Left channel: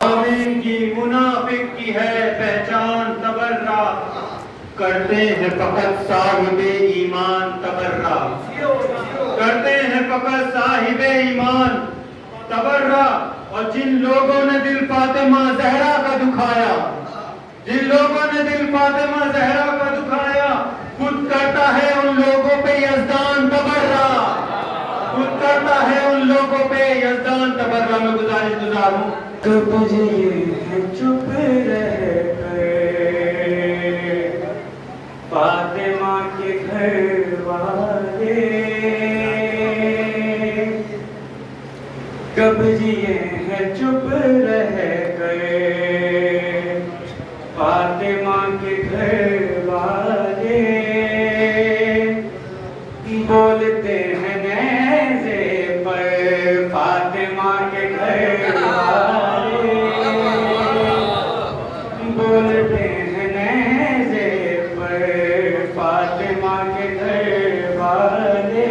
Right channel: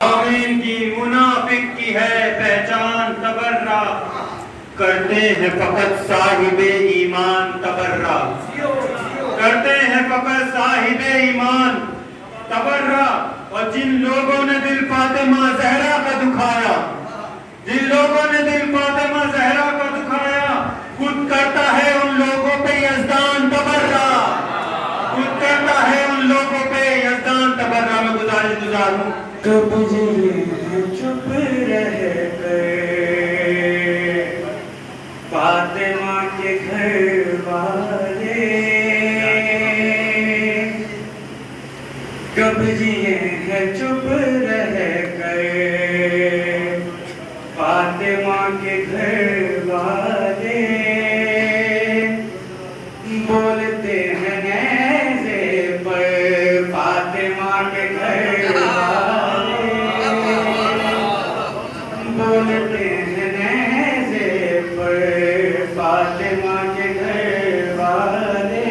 آمین کی منافق کی ہے پہچان تبرہ، کرتے ہیں فقط صاحب ایمان تبرہ، کرتے ہیں فقط صاحب ایمان تبرہ۔ اور جن لوگوں نے دل فاطمہ زہرا کا دکھایا، جن لوگوں نے دل فاطمہ زہرا کا دکھایا، خود کرتا ہے ان لوگوں پہ یزدان تبرہ، خود کرتا ہے ان لوگوں پہ یزدان تبرہ۔ میں گزارش گزاروں چپ رہ گئے فاطمہ کے گھر والے، کب جیے ہیں چپ رہ گئے فاطمہ کے گھر والے، بولتے ہیں نیزے پر فاطمہ کے گھر والے، بولتے ہیں نیزے پر فاطمہ کے گھر والے،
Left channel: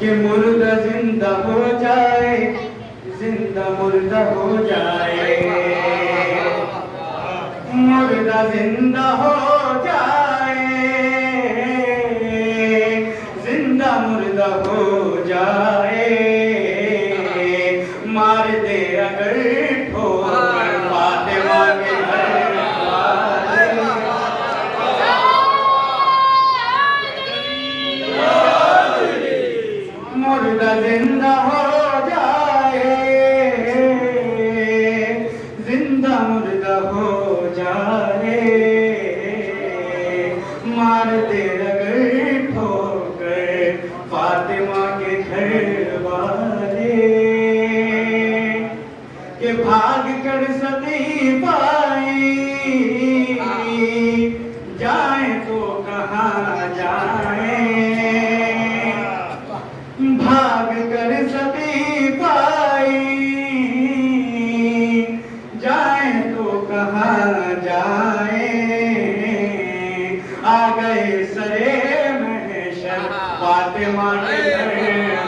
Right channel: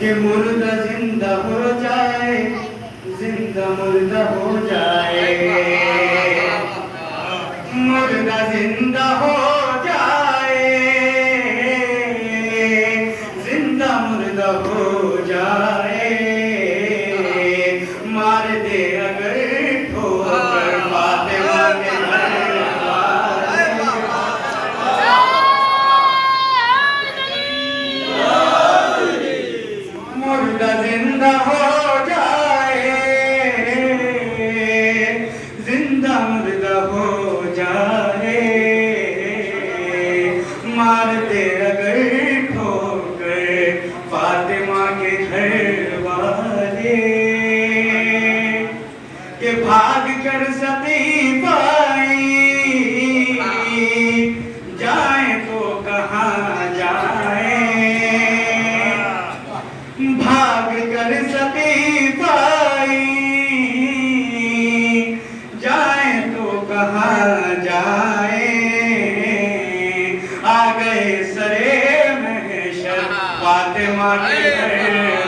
کہ مردہ زندہ ہو جائے، زندہ مردہ ہو جائے، مردہ زندہ ہو جائے، زندہ مردہ ہو جائے، مار دے اگر ٹھوکر فاطمہ کے گھر والے، مردہ زندہ ہو جائے، زندہ مردہ ہو جائے، مار دے اگر ٹھوکر فاطمہ کے گھر والے، کہ بھاگ کر سقیفہ جائیں تو کہاں جائیں، بھاگ کر سقیفہ جائیں تو کہاں جائیں، آ گئے سرے محشر فاطمہ کے گھر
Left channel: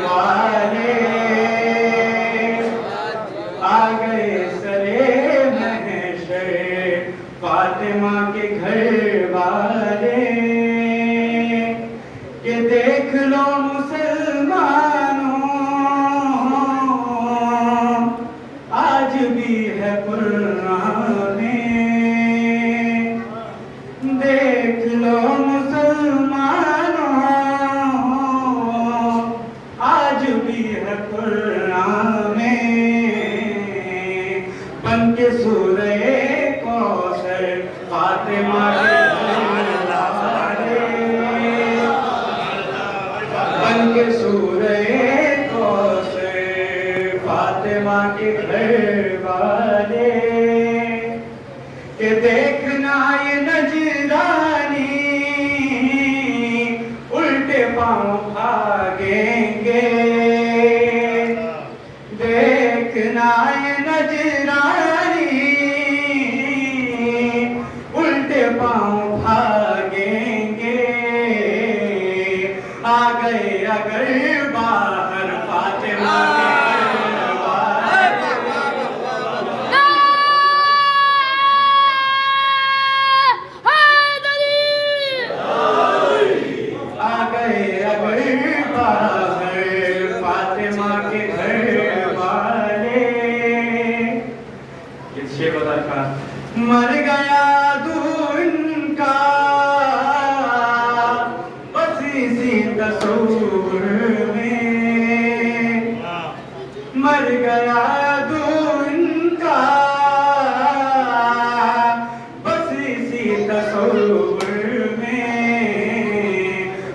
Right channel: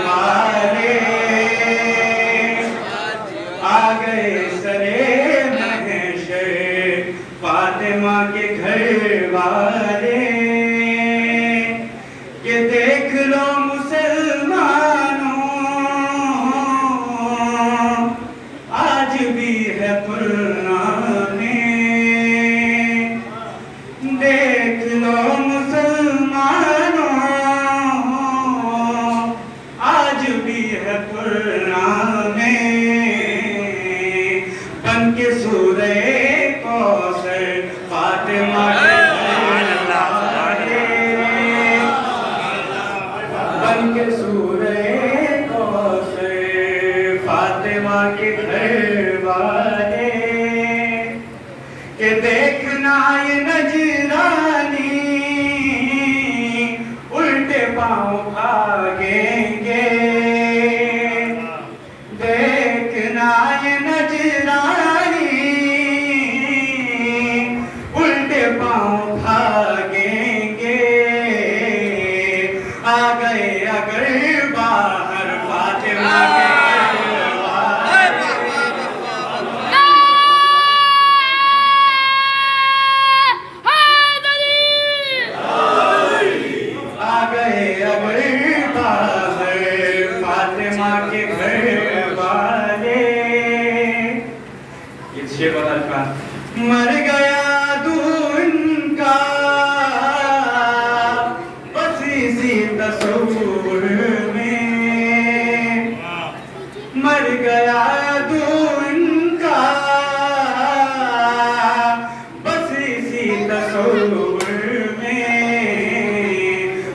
والے، آ گئے سرے محشر فاطمہ کے گھر والے، کہ دیکھ لو مسلمانوں آج بھی ہے پرانے، دیکھ لو مسلمانوں آج بھی ہے پرانے، بن کے سورہ کوثر فاطمہ کے گھر والے، بن کے سورہ کوثر فاطمہ کے گھر والے، کہ دیکھنا یہ نجرانی الٹے پاؤں بھاگیں گے، دیکھنا یہ نجرانی الٹے پاؤں بھاگیں گے، آ گئے اگر باہر فاطمہ کے گھر والے، آ گئے اگر باہر فاطمہ کے گھر والے، اس سے بدل کا مر گیا دو ان کا بس اسی تصور میں، مر گیا دو ان کا بس اسی تصور میں،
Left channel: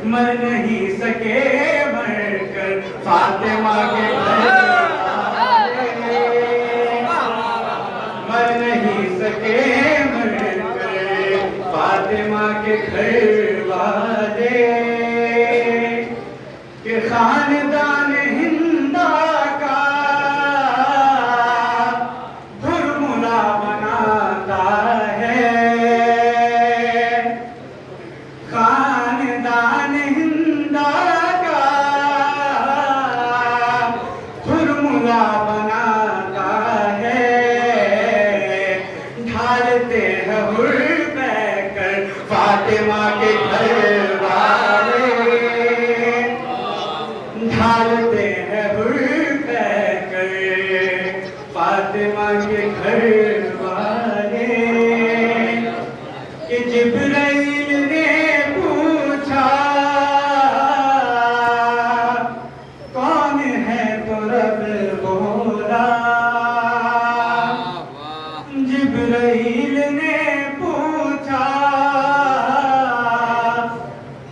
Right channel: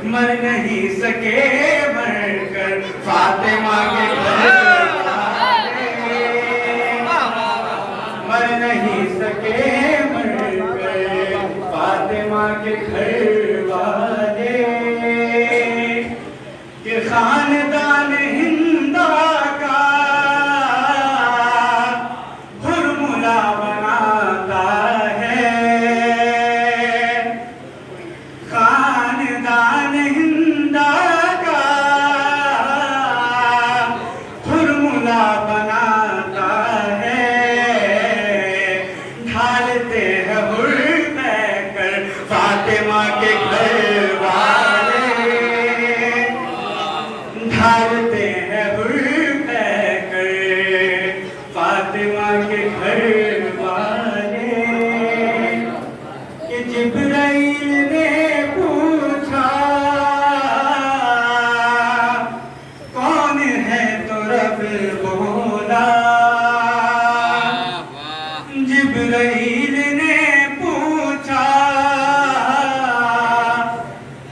مر نہیں سکے مر کر فاطمہ کے گھر والے، مر نہیں سکے مر کر فاطمہ کے گھر والے، کہ خاندان ہندہ کا برملا بناتا ہے، خاندان فاطمہ کے گھر والے ڈھالتے ہیں حر کر فاطمہ کے گھر والے کہ جبرائیل نے پوچھا کون ہے تو رب بولا جبرائیل نے پوچھا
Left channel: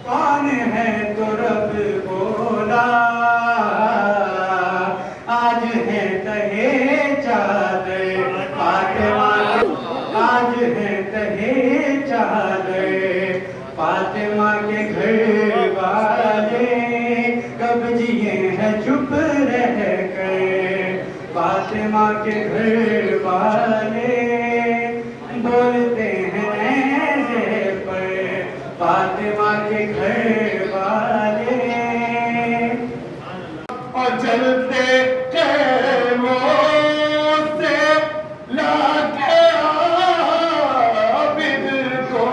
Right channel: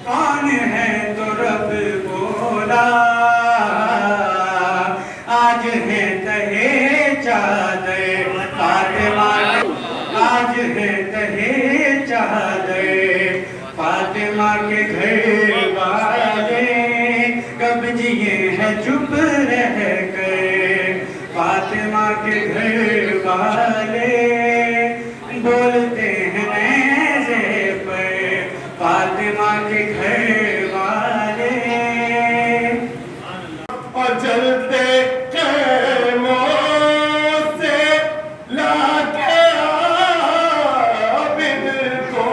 کون ہے تو رب بولا آج ہے تہے چادر فاطمہ آج ہے تہے چادر فاطمہ کے گھر والے کب جیے ہیں چپ رہ کر فاطمہ کے گھر والے بولتے ہیں نیزے پر فاطمہ کے گھر والے اور جلتے خیموں سے لاتے عابد کو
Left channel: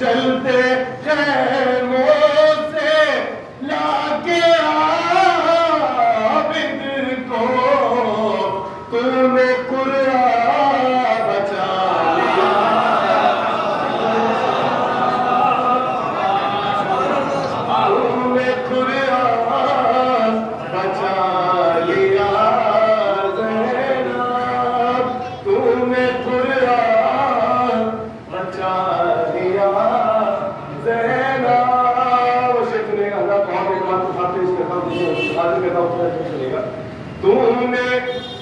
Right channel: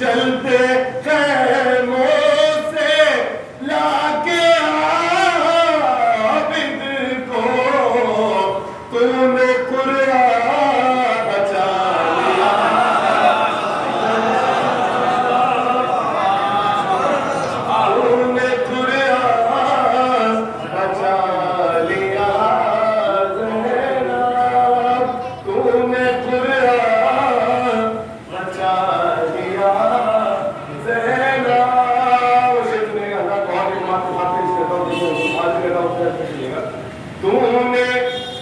جلتے خیموں سے لاتے عابد کو تو نے قرآن بچا لیا تو نے قرآن بچا لیا زینب تو نے قرآن بچا لیا زینب وہ شیخ نے کہا بہت ایک بات کھاتے اس کے بعد آج میرا اتنا تو نے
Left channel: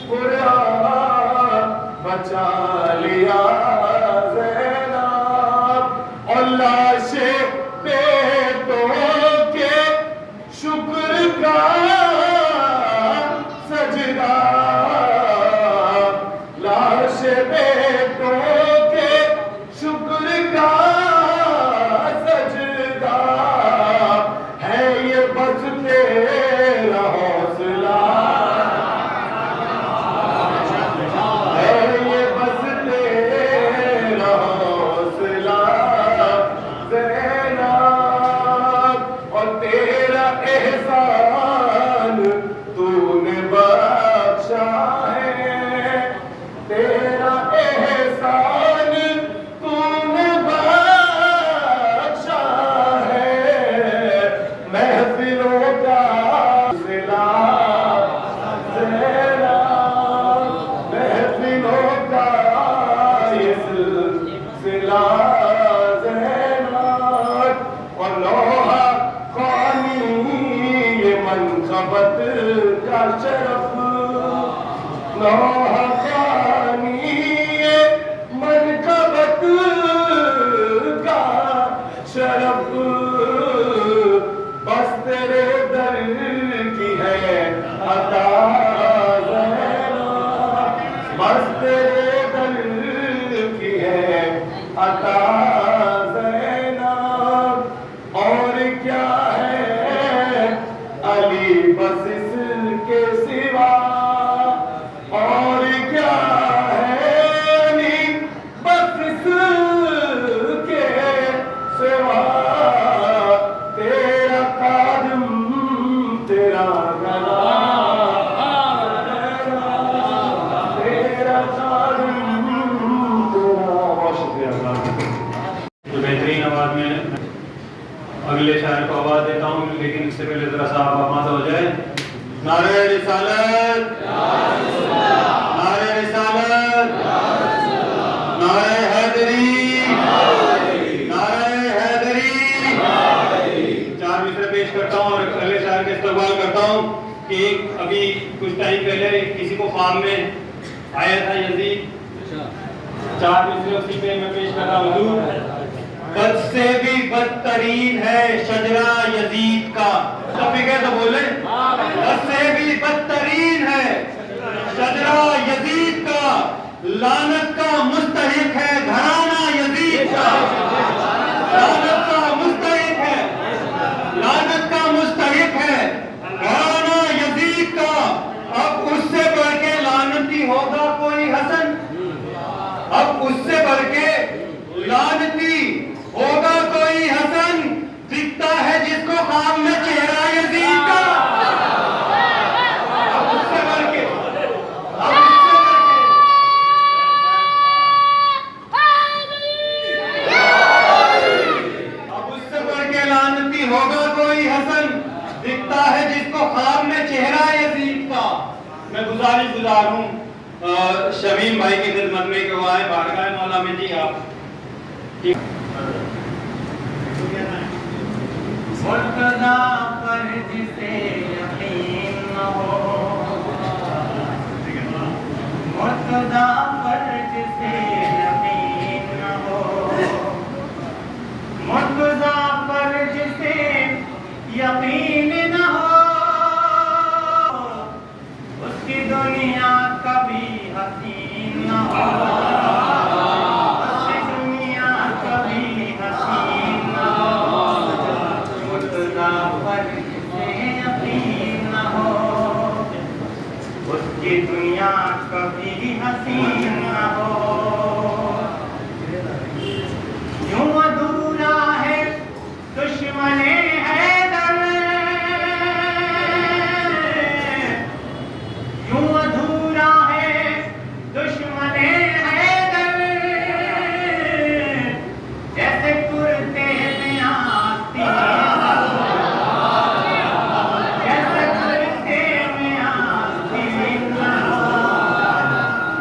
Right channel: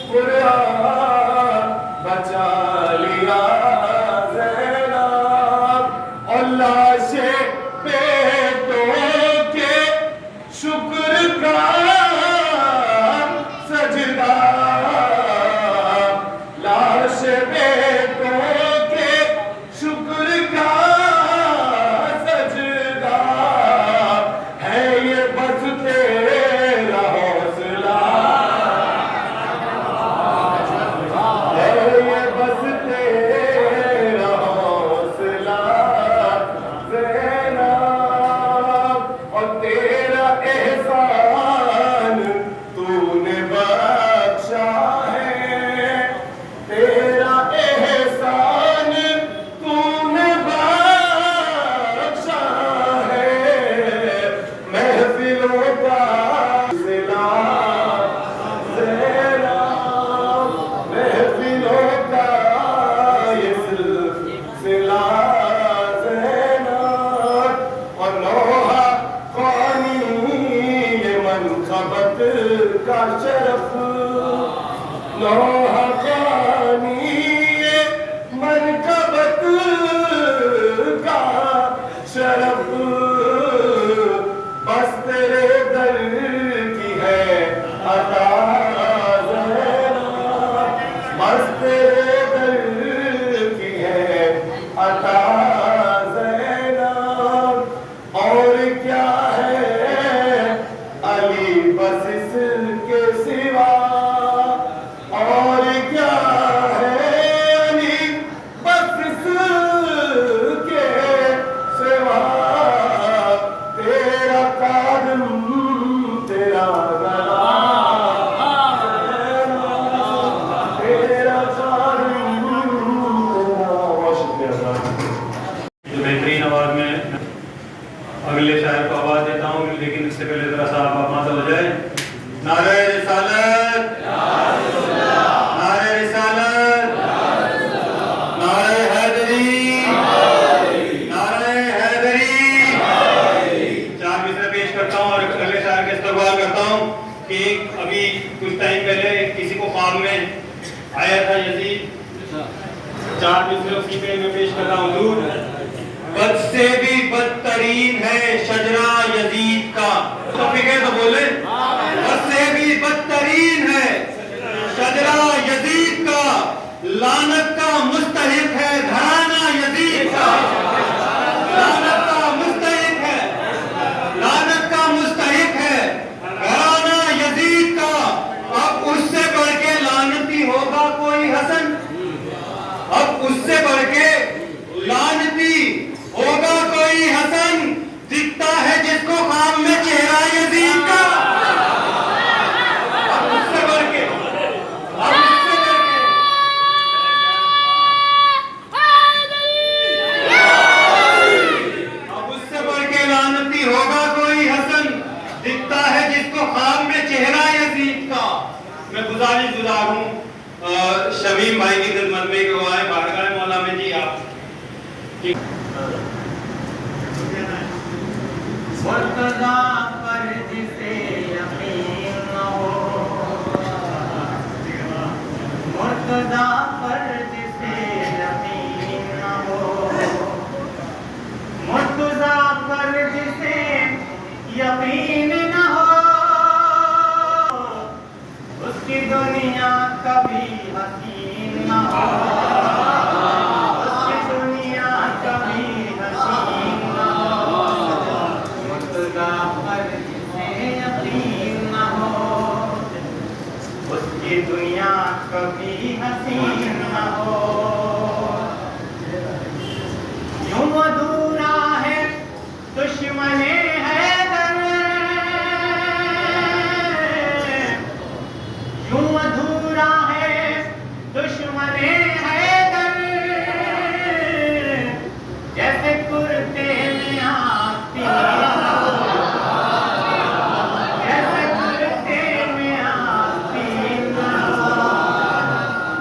قرآن بچا لیا زینب اور لاشیں بیٹوں کے شکر کا سجدہ لاشیں بیٹوں کے شکر کا سجدہ ہے یہ بس تیرا حوصلہ بس تیرا حوصلہ زینب اور تیرا احسان تو نے بخشا ہے تیرا احسان تو نے بخشا ہے محفلوں کا سلسلہ زینب محفلوں کا یہ سلسلہ زینب اور نوحہ خوانی یہ منقبت کا شرف نوحہ خوانی یہ منقبت کا شرف بس تیرے در کی ہے عطا بس تیرے در کی ہے عطا زینب اور کیا ہے علی بس اس کے سوا اور کیا ہے علی بس اس کے سوا تیرا قدم تیرا بہترین آواز میں اگلے شاعر کو آواز دیتا ہوں لیکن اس سے پہلے ذرا سا آپ ماتا ہو جائے نعرہ رسالت نعرہ رسالت نعرہ حیدری نعرہ حیدری چار مصرع پیش کرتا ہوں اور اگلے شاعر کا استقبال کرتا ہوں کہ ابھی کچھ ٹائم پہلے کسی کو خواب میں آیا تھا یزید چار مصرع اسی پہ میں پیش کر رہا ہوں حضور بد سے بھی بدترین ہے شجرہ یزید کا تو فکر تو بولے بد سے بھی بدترین ہے شجرہ یزید کا لعنت کا مستحق ہے گھرانہ یزید کا لعنت کا مستحق ہے لعنت کا مستحق ہے گھرانہ یزید کا اب اس سے بڑھ کے لعنتی ہوگا کوئی حسن اب اس سے بڑھ کے گزار ہوں شمیم بھائی کی خدمت میں کہ وہ آئے بارگاہ مولا میں. جی آپ مرتضیٰ پر جسے یقین ہو، مرتضیٰ پر جسے یقین ہو، مرتضیٰ پر جسے یقین نہ ہو، اس کی دنیا کبھی حسین نہ ہو، اس کی دنیا کبھی حسین نہ ہو، مرتضیٰ پر جسے یقین نہ ہو، اس کی دنیا کبھی حسین نہ ہو. یوں ادھورا ہے دشمن حیدر، یوں ادھورا ہے دشمن حیدر، جیسے کرتے میں آستین، جیسے کرتے میں آستین نہ ہو،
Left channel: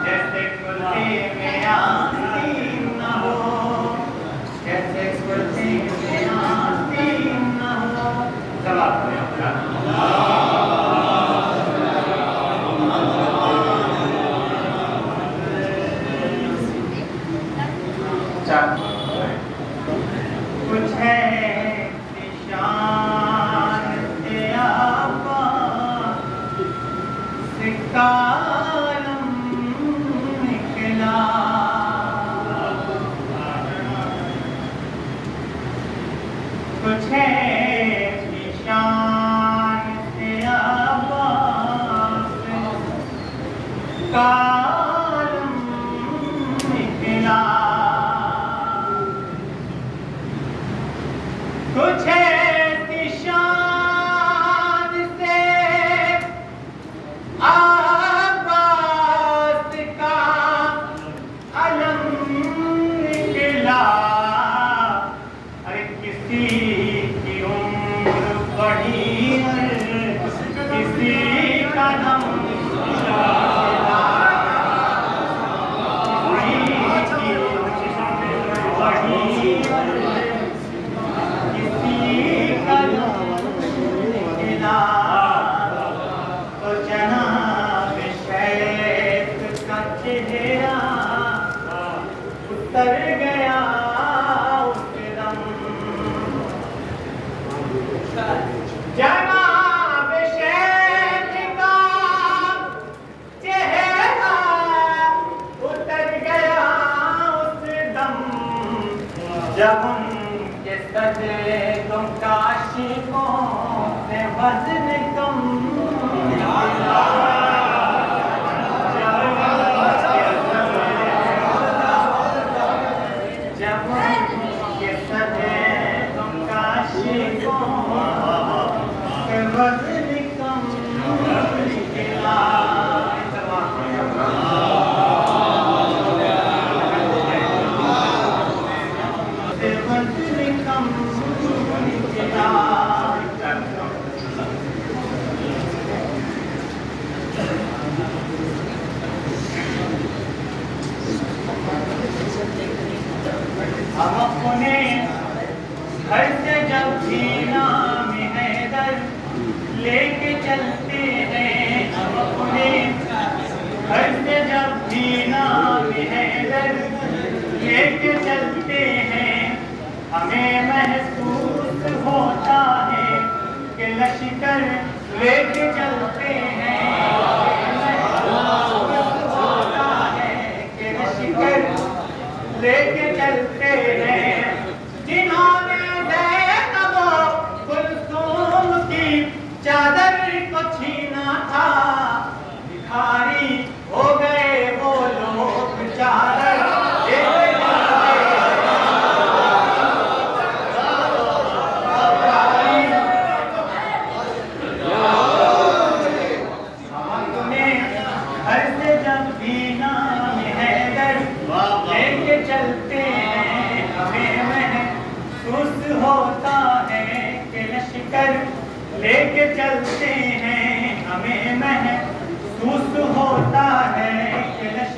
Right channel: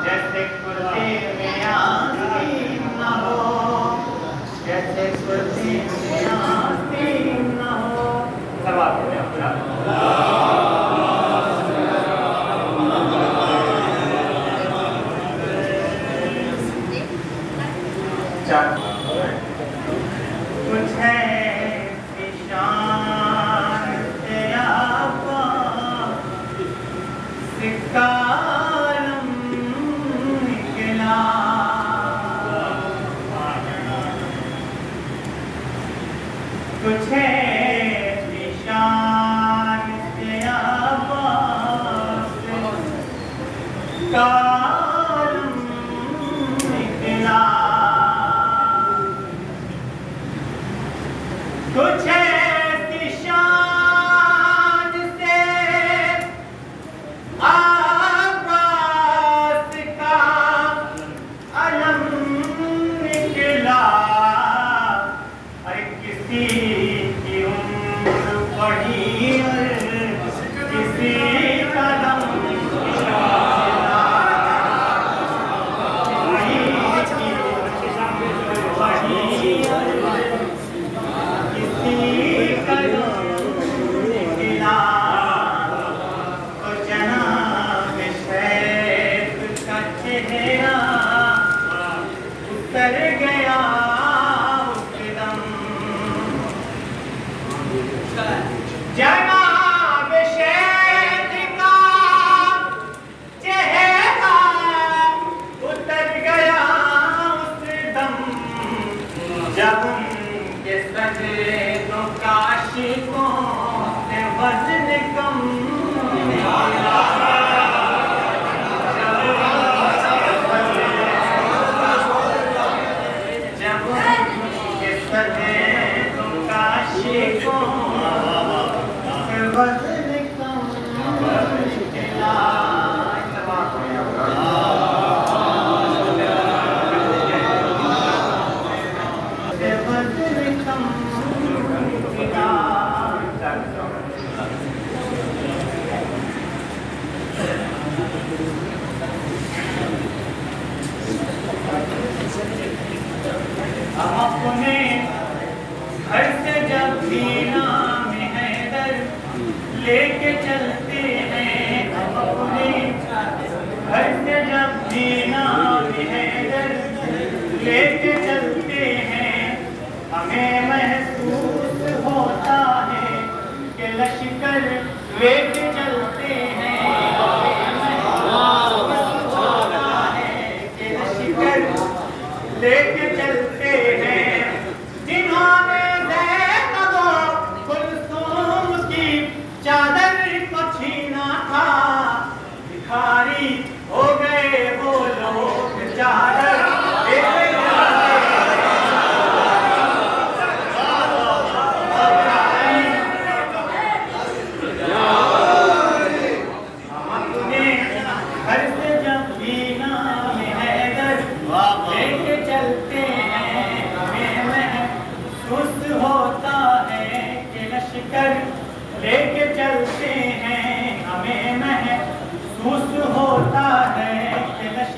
جیسے کرتے میں آستین نہ ہو، جیسے کرتے میں آستین نہ ہو. سلام کچھ ہے نشان تیرا سکالم نکلا، کچھ ہے نشان تیرا کالم نکلا، کچھ ایسی شان سے عباس کا علم نکلا. ارے کسی کی عمر بڑھی کسی کا دم اتر گیا اس دم. جناب شیخ کا چہرہ اتر گیا اس دم، جب ان کے سجدوں کا عاشقوں سے وزن کم، ہم اپنے گھر سے جب بھی نام حیدر لے کے چلتے ہیں، ہم اپنے گھر سے جب بھی نام حیدر لے کے چلتے ہیں، ہمیں محسوس ہوتا ہے کہ لشکر لے کے چلتے ہیں، محسوس ہوتا ہے کہ لشکر لے کے چلتے ہیں. جنہوں نے زینب و کلثوم کی چادر کو چھینا تھا، بھکاری ہو گئے وہ لوگ چادر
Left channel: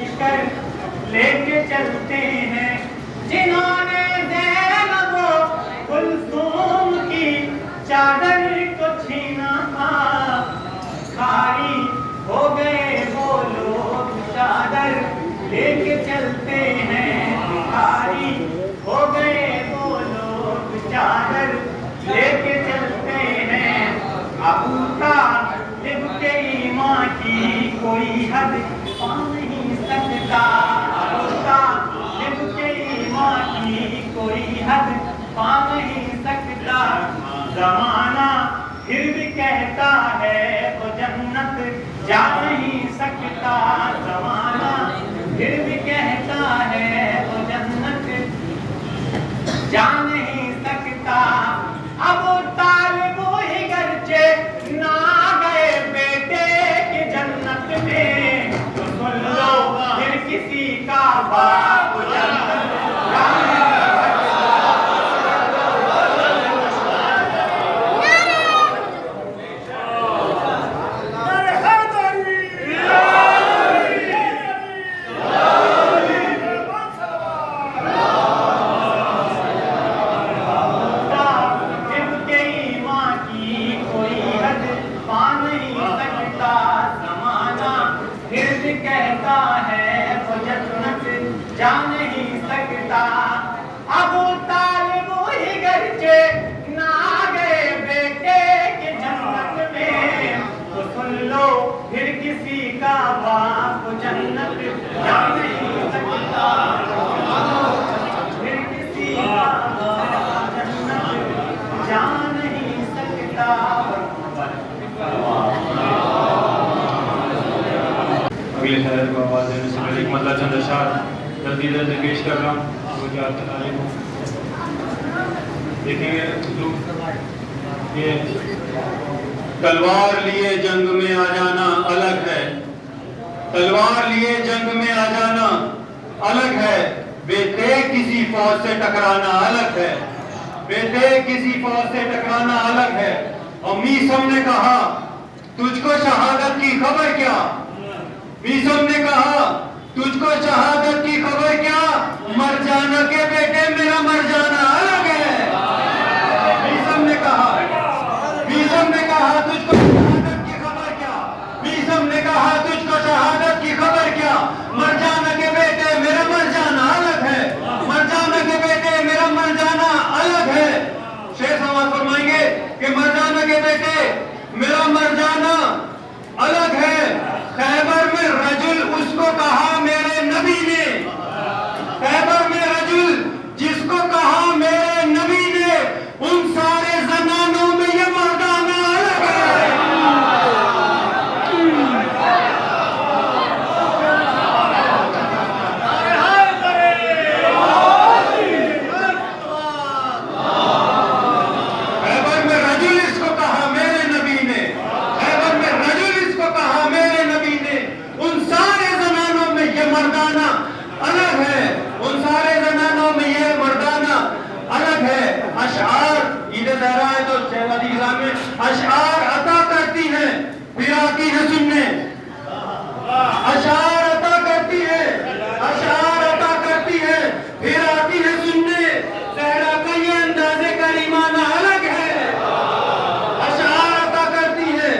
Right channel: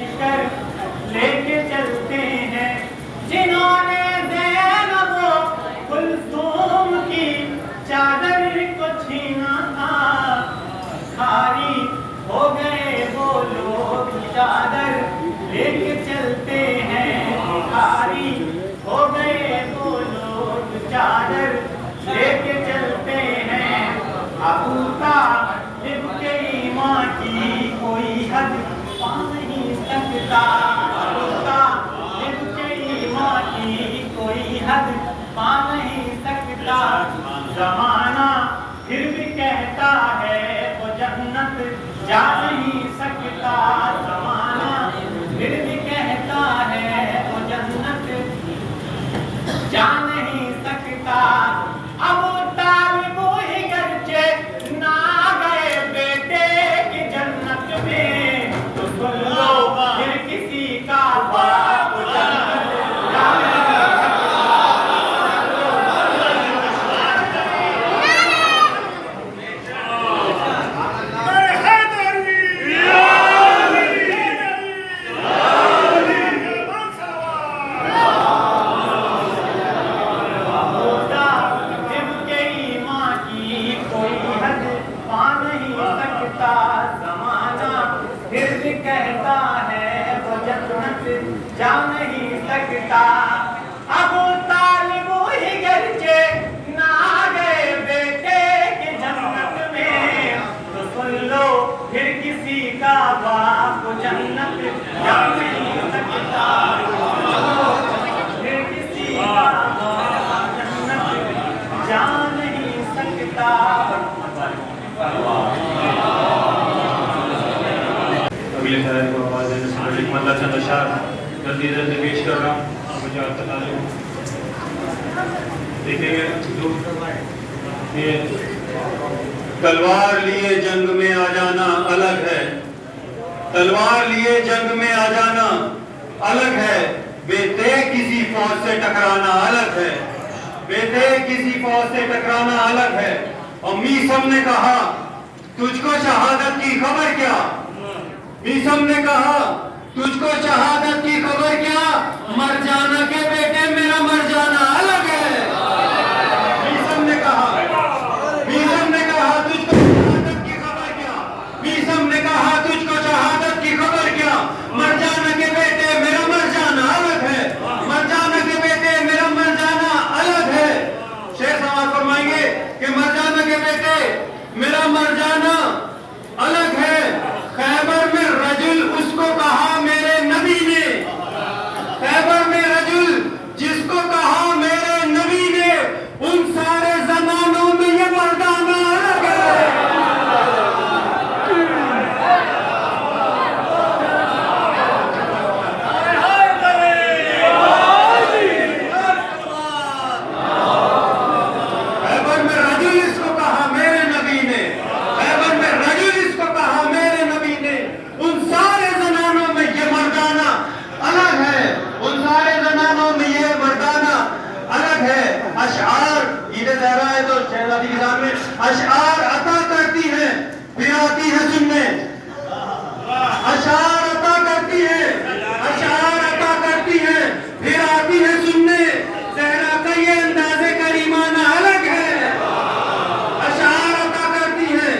شکر لے کے چلتے ہیں، جنہوں نے زینب و کلثوم کی چادر کو چھینا تھا، کھاری ہو گئے وہ لوگ چادر لے کے چلتے ہیں، کھاری ہو گئے وہ لوگ چادر لے کے چلتے ہیں۔ ابو طالب کے ایمان کی کوئی حد پا نہیں سکتا، ابو طالب کے ایمان کی کوئی حد پا نہیں سکتا، زمانہ پھر بھی کہتا ہے وہ جنت جا نہیں سکتا، زمانہ پھر بھی کہتا ہے وہ جنت جا نہیں سکتا۔ ابو طالب ہی گرچہ نہ گئے بیٹے کی جنت میں، تو سن لو پھر کسی کا باپ جنت جا نہیں کہتا ہے وہ جنت جا نہیں سکتا۔ ابو طالب ہی گرچہ نہ گئے بیٹے کی جنت میں، تو سن لو پھر کسی کا باپ جنت جا نہیں سکتا، پھر کسی کا باپ جنت جا نہیں سکتا۔ اگلے شاعر کو آواز دینے سے پہلے مطلع چند اشعار جلدی جلدی پیش کر رہا ہوں، مجھے آج تک آنے کو دیکھیں گے جو یہ تلوار لیے جنگ میں آ جانا الگ ہے، تلوار لیے جنگ میں آ جانا الگ ہے، بے تیغ کسی فوج سے ٹکرانا الگ ہے، بے تیغ کسی فوج سے ٹکرانا الگ ہے۔ میثم نے کہا تجھ کو شہادت کی خبر کیا، میثم نے کہا تجھ کو شہادت کی خبر کیا، مر جانا کے بیٹے میرا مر جانا الگ ہے۔ میثم نے کہا تجھ کو شہادت کی خبر کیا، میثم نے کہا تجھ کو شہادت کی خبر کیا، مر جانا کے بیٹے میرا مر جانا الگ ہے، مر جانا کے بیٹے میرا مر جانا الگ ہے۔ شیخ سماعت فرمائیں گے کہ مر جانا کے بیٹے میرا مر جانا الگ ہے۔ خیبر میں رجل اس کو کہا میرے نبی نے، خیبر میں رجل جس کو کہا میرے نبی نے، ان سارے زمانوں میں یہ مردانہ الگ ہے۔ خیبر میں رجل اس کو کہا میرے نبی نے، خیبر میں رجل اس کو کہا میرے نبی نے، ان سارے زنانوں میں یہ مردانہ الگ ہے، ان سارے زنانوں میں یہ مردانہ الگ ہے۔ اشعار عید زہرا ہے تو شہزادی کے سامنے اشعار عطا کرتی ہے پھر آتی ہے سننے، اشعار عطا کرتی ہے، اشعار عطا کرتی ہے پھر آتی ہے سننے، زہرا کا یہ انداز کریمانہ الگ ہے۔ اشعار عطا کرتی ہے،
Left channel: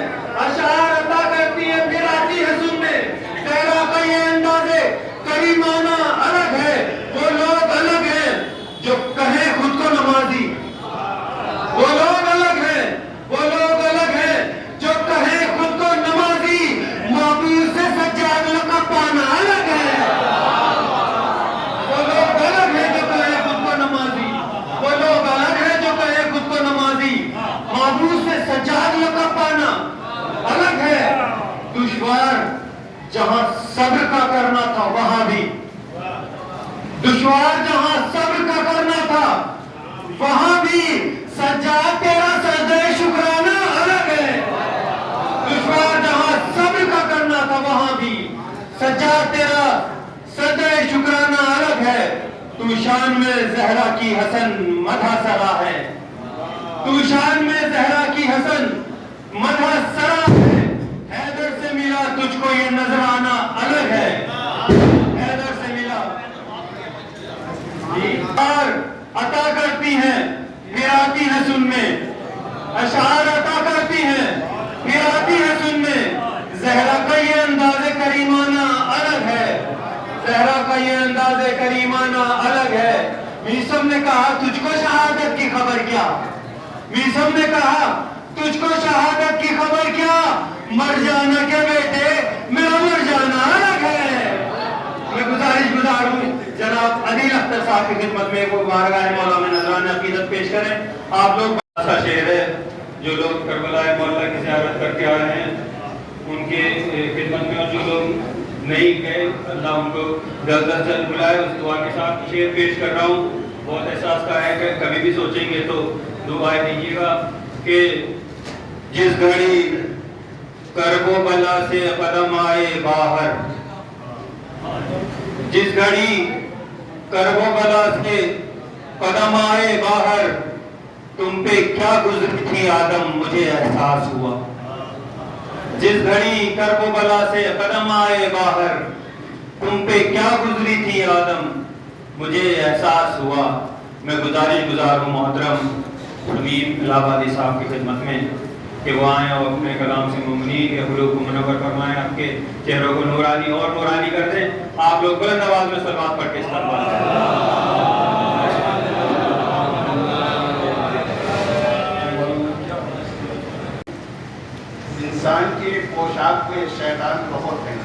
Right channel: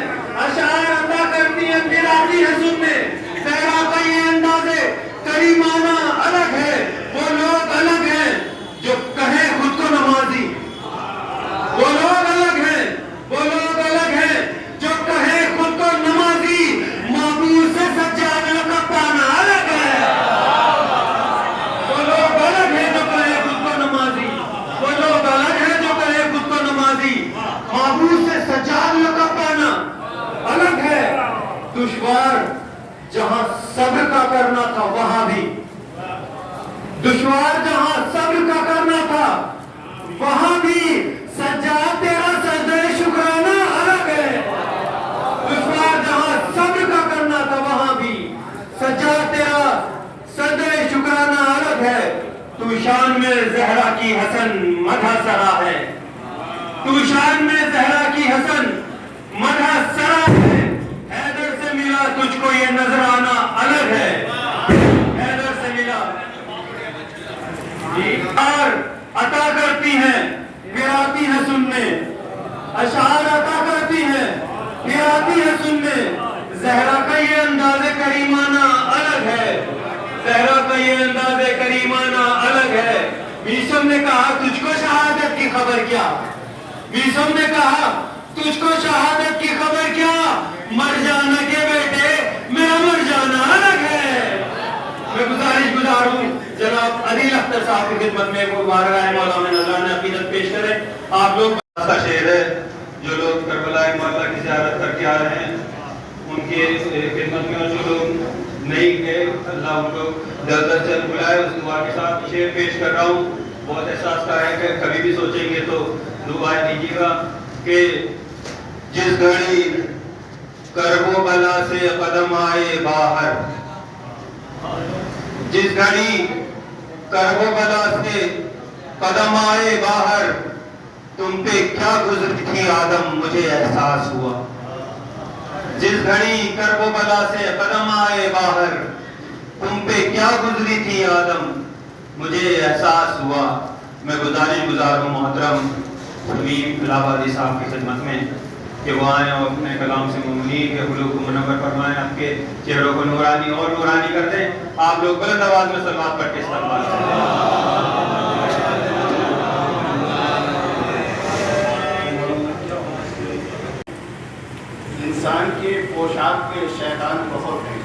اشعار عطا کرتی ہے پھر آتی ہے سننے، زہرا کا یہ انداز کریمانہ الگ ہے۔ وہ لوگ الگ ہیں جو کہیں خود کو نمازی، وہ لوگ الگ ہیں، وہ لوگ الگ ہیں جو کہیں خود کو نمازی، معبود سے سجادہ کا پانا الگ ہے۔ وہ لوگ الگ ہیں جو کہیں خود کو نمازی، وہ لوگ الگ ہیں جو کہیں خود کو نمازی، معبود سے سجادہ کا پانا الگ ہے۔ دشوار جہاں صبر کا کرنا تھا وہاں بھی، دشوار جہاں صبر کا کرنا تھا وہاں بھی، سجاد تیرا سجدہ شکرانہ الگ ہے۔ دشوار جہاں صبر کا کرنا تھا وہاں بھی، سجاد تیرا سجدہ شکرانہ الگ ہے۔ تو شان میں زہرا کی حسن مدح سرا ہے، تو شان میں زہرا کی حسن مدح سرا ہے، حیدر سے ملا تجھ کو یہ نظرانہ الگ ہے۔ اشعار عطا کرتی ہیں پھر آتی ہے سننے، اشعار عطا کرتی ہیں پھر آتی ہے سننے، زہرا کا یہ انداز کریمانہ الگ ہے، زہرا کا یہ انداز کریمانہ الگ ہے۔ میسم نے کہا تجھ کو شہادت کی خبر کیا، میسم نے کہا تجھ کو شہادت کی خبر کیا، مر جانا کے بیٹے میرا مر جانا الگ ہے۔ میں گزارش گزار ہوں جناب عدیل اختر صاحب کی خدمت میں وہ بارگاہ مولا میں نذرانہ عقیدت پیش کریں۔ آپ لوگ ایسا شعر ہے جو لوگ کربلا مولا کی زیارت کر کے آئے ہیں ان کے خدمت میں، اور جو لوگ نہیں گئے اللہ ان کو جلد از جلد بلائے، اس دعا کے ساتھ شعر پیش کر رہا ہوں۔ بہت احساس کا ہے کہ کبھی بھی سوچیں گے تو دعا دیجیے گا کہ جس گھڑی کرب و بلا سے قدم آئے باہر، جس گھڑی کرب و بلا سے قدم آئے باہر، تم پہ کیا گزری تھی آدم مجھے احساس ہوا، جس گھڑی کرب و بلا سے قدم آئے باہر، تم پہ کیا گزری تھی آدم مجھے احساس ہوا۔ میں گزارش گزار ہوں محترم حمید الہ آبادی صاحب کی خدمت میں کہ وہ آئیں اور اپنے کلام سے ممنی کے حروف کو منور فرمائیں، آپ کے چہروں کو نورانی اور نورانی کر دیں۔ آپ لوگ بلند آواز میں صلوات پڑھ کے استقبال کریں۔ انسان کی پوشاک میں شیطان بہت ہے،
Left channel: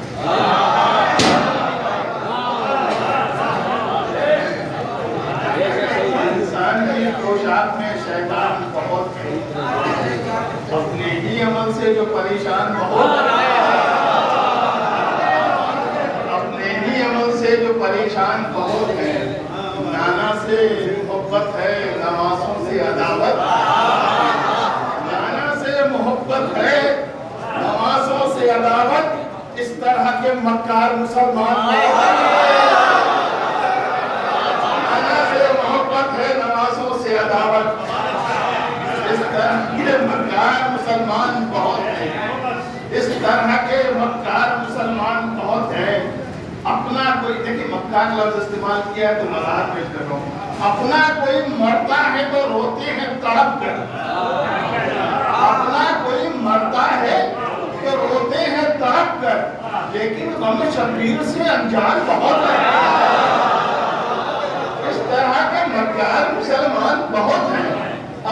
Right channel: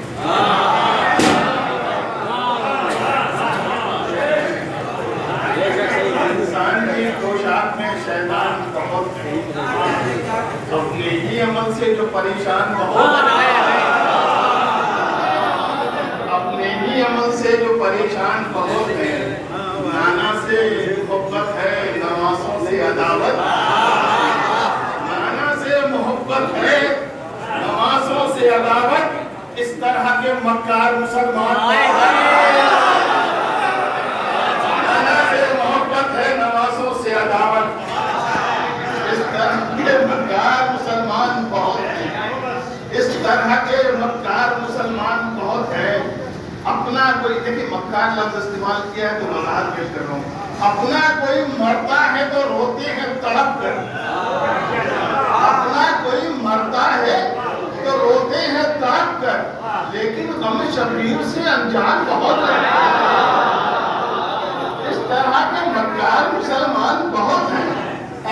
انسان کی پوشاک میں شیطان بہت ہے، اپنے ہی عمل سے جو پریشان بہت ہے، اپنے ہی عمل سے جو پریشان بہت ہے، نانا سے محبت ہے نوازوں سے عداوت، نانا سے محبت ہے نوازوں سے عداوت، اس طرح کے مکار مسلمان نانا سے محبت ہے نوازوں سے عداوت، اس طرح کے مکار مسلمان بہت ہیں، اس طرح کے مکار مسلمان بہت ہیں۔ اپنا کوئی دیکھیں مکار لفظ استعمال کیا ہے تو مزاج پیش کر رہا ہوں، اپنا کوئی مرتا ہے تو روتے ہیں تڑپ کر، اپنا کوئی مرتا ہے تو روتے ہیں تڑپ کر، لیکن غم شبیر سے انجان بہت ہے۔ اس طرح کے مکار مسلمان بہت ہیں،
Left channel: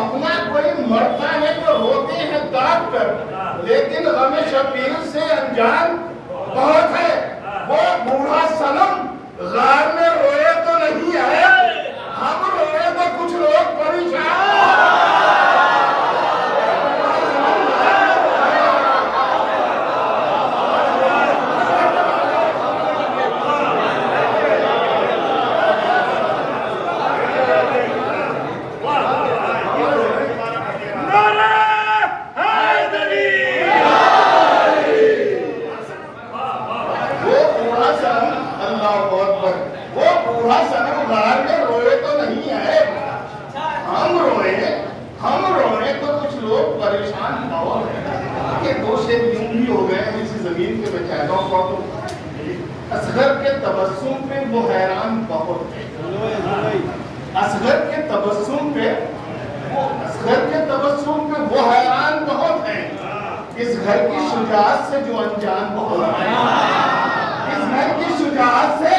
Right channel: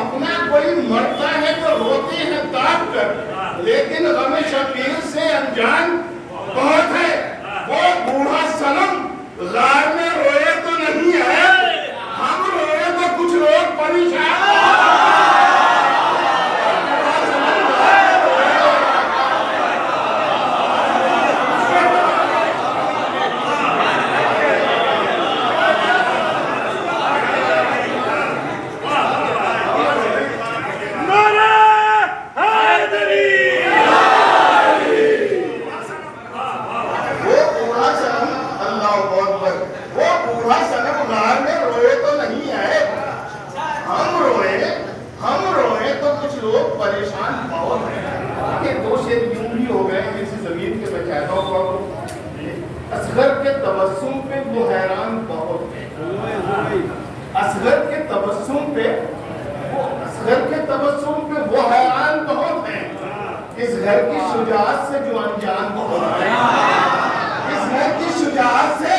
اپنا کوئی مرتا ہے تو روتے ہیں تڑپ کر، لیکن غم شبیر سے انجان بہت ہے۔ وہ بوڑھا صنم غار میں روئے تو نہیں آئے، ہم روئے تو کچھ لوگ پریشان۔ اصغر کے تبسم پہ وہ حیران بہت ہے، اصغر کے تبسم پہ وہ حیران بہت ہے، اس گھر کی شجاعت سے جو انجان بہت ہے، اس گھر کی شجاعت سے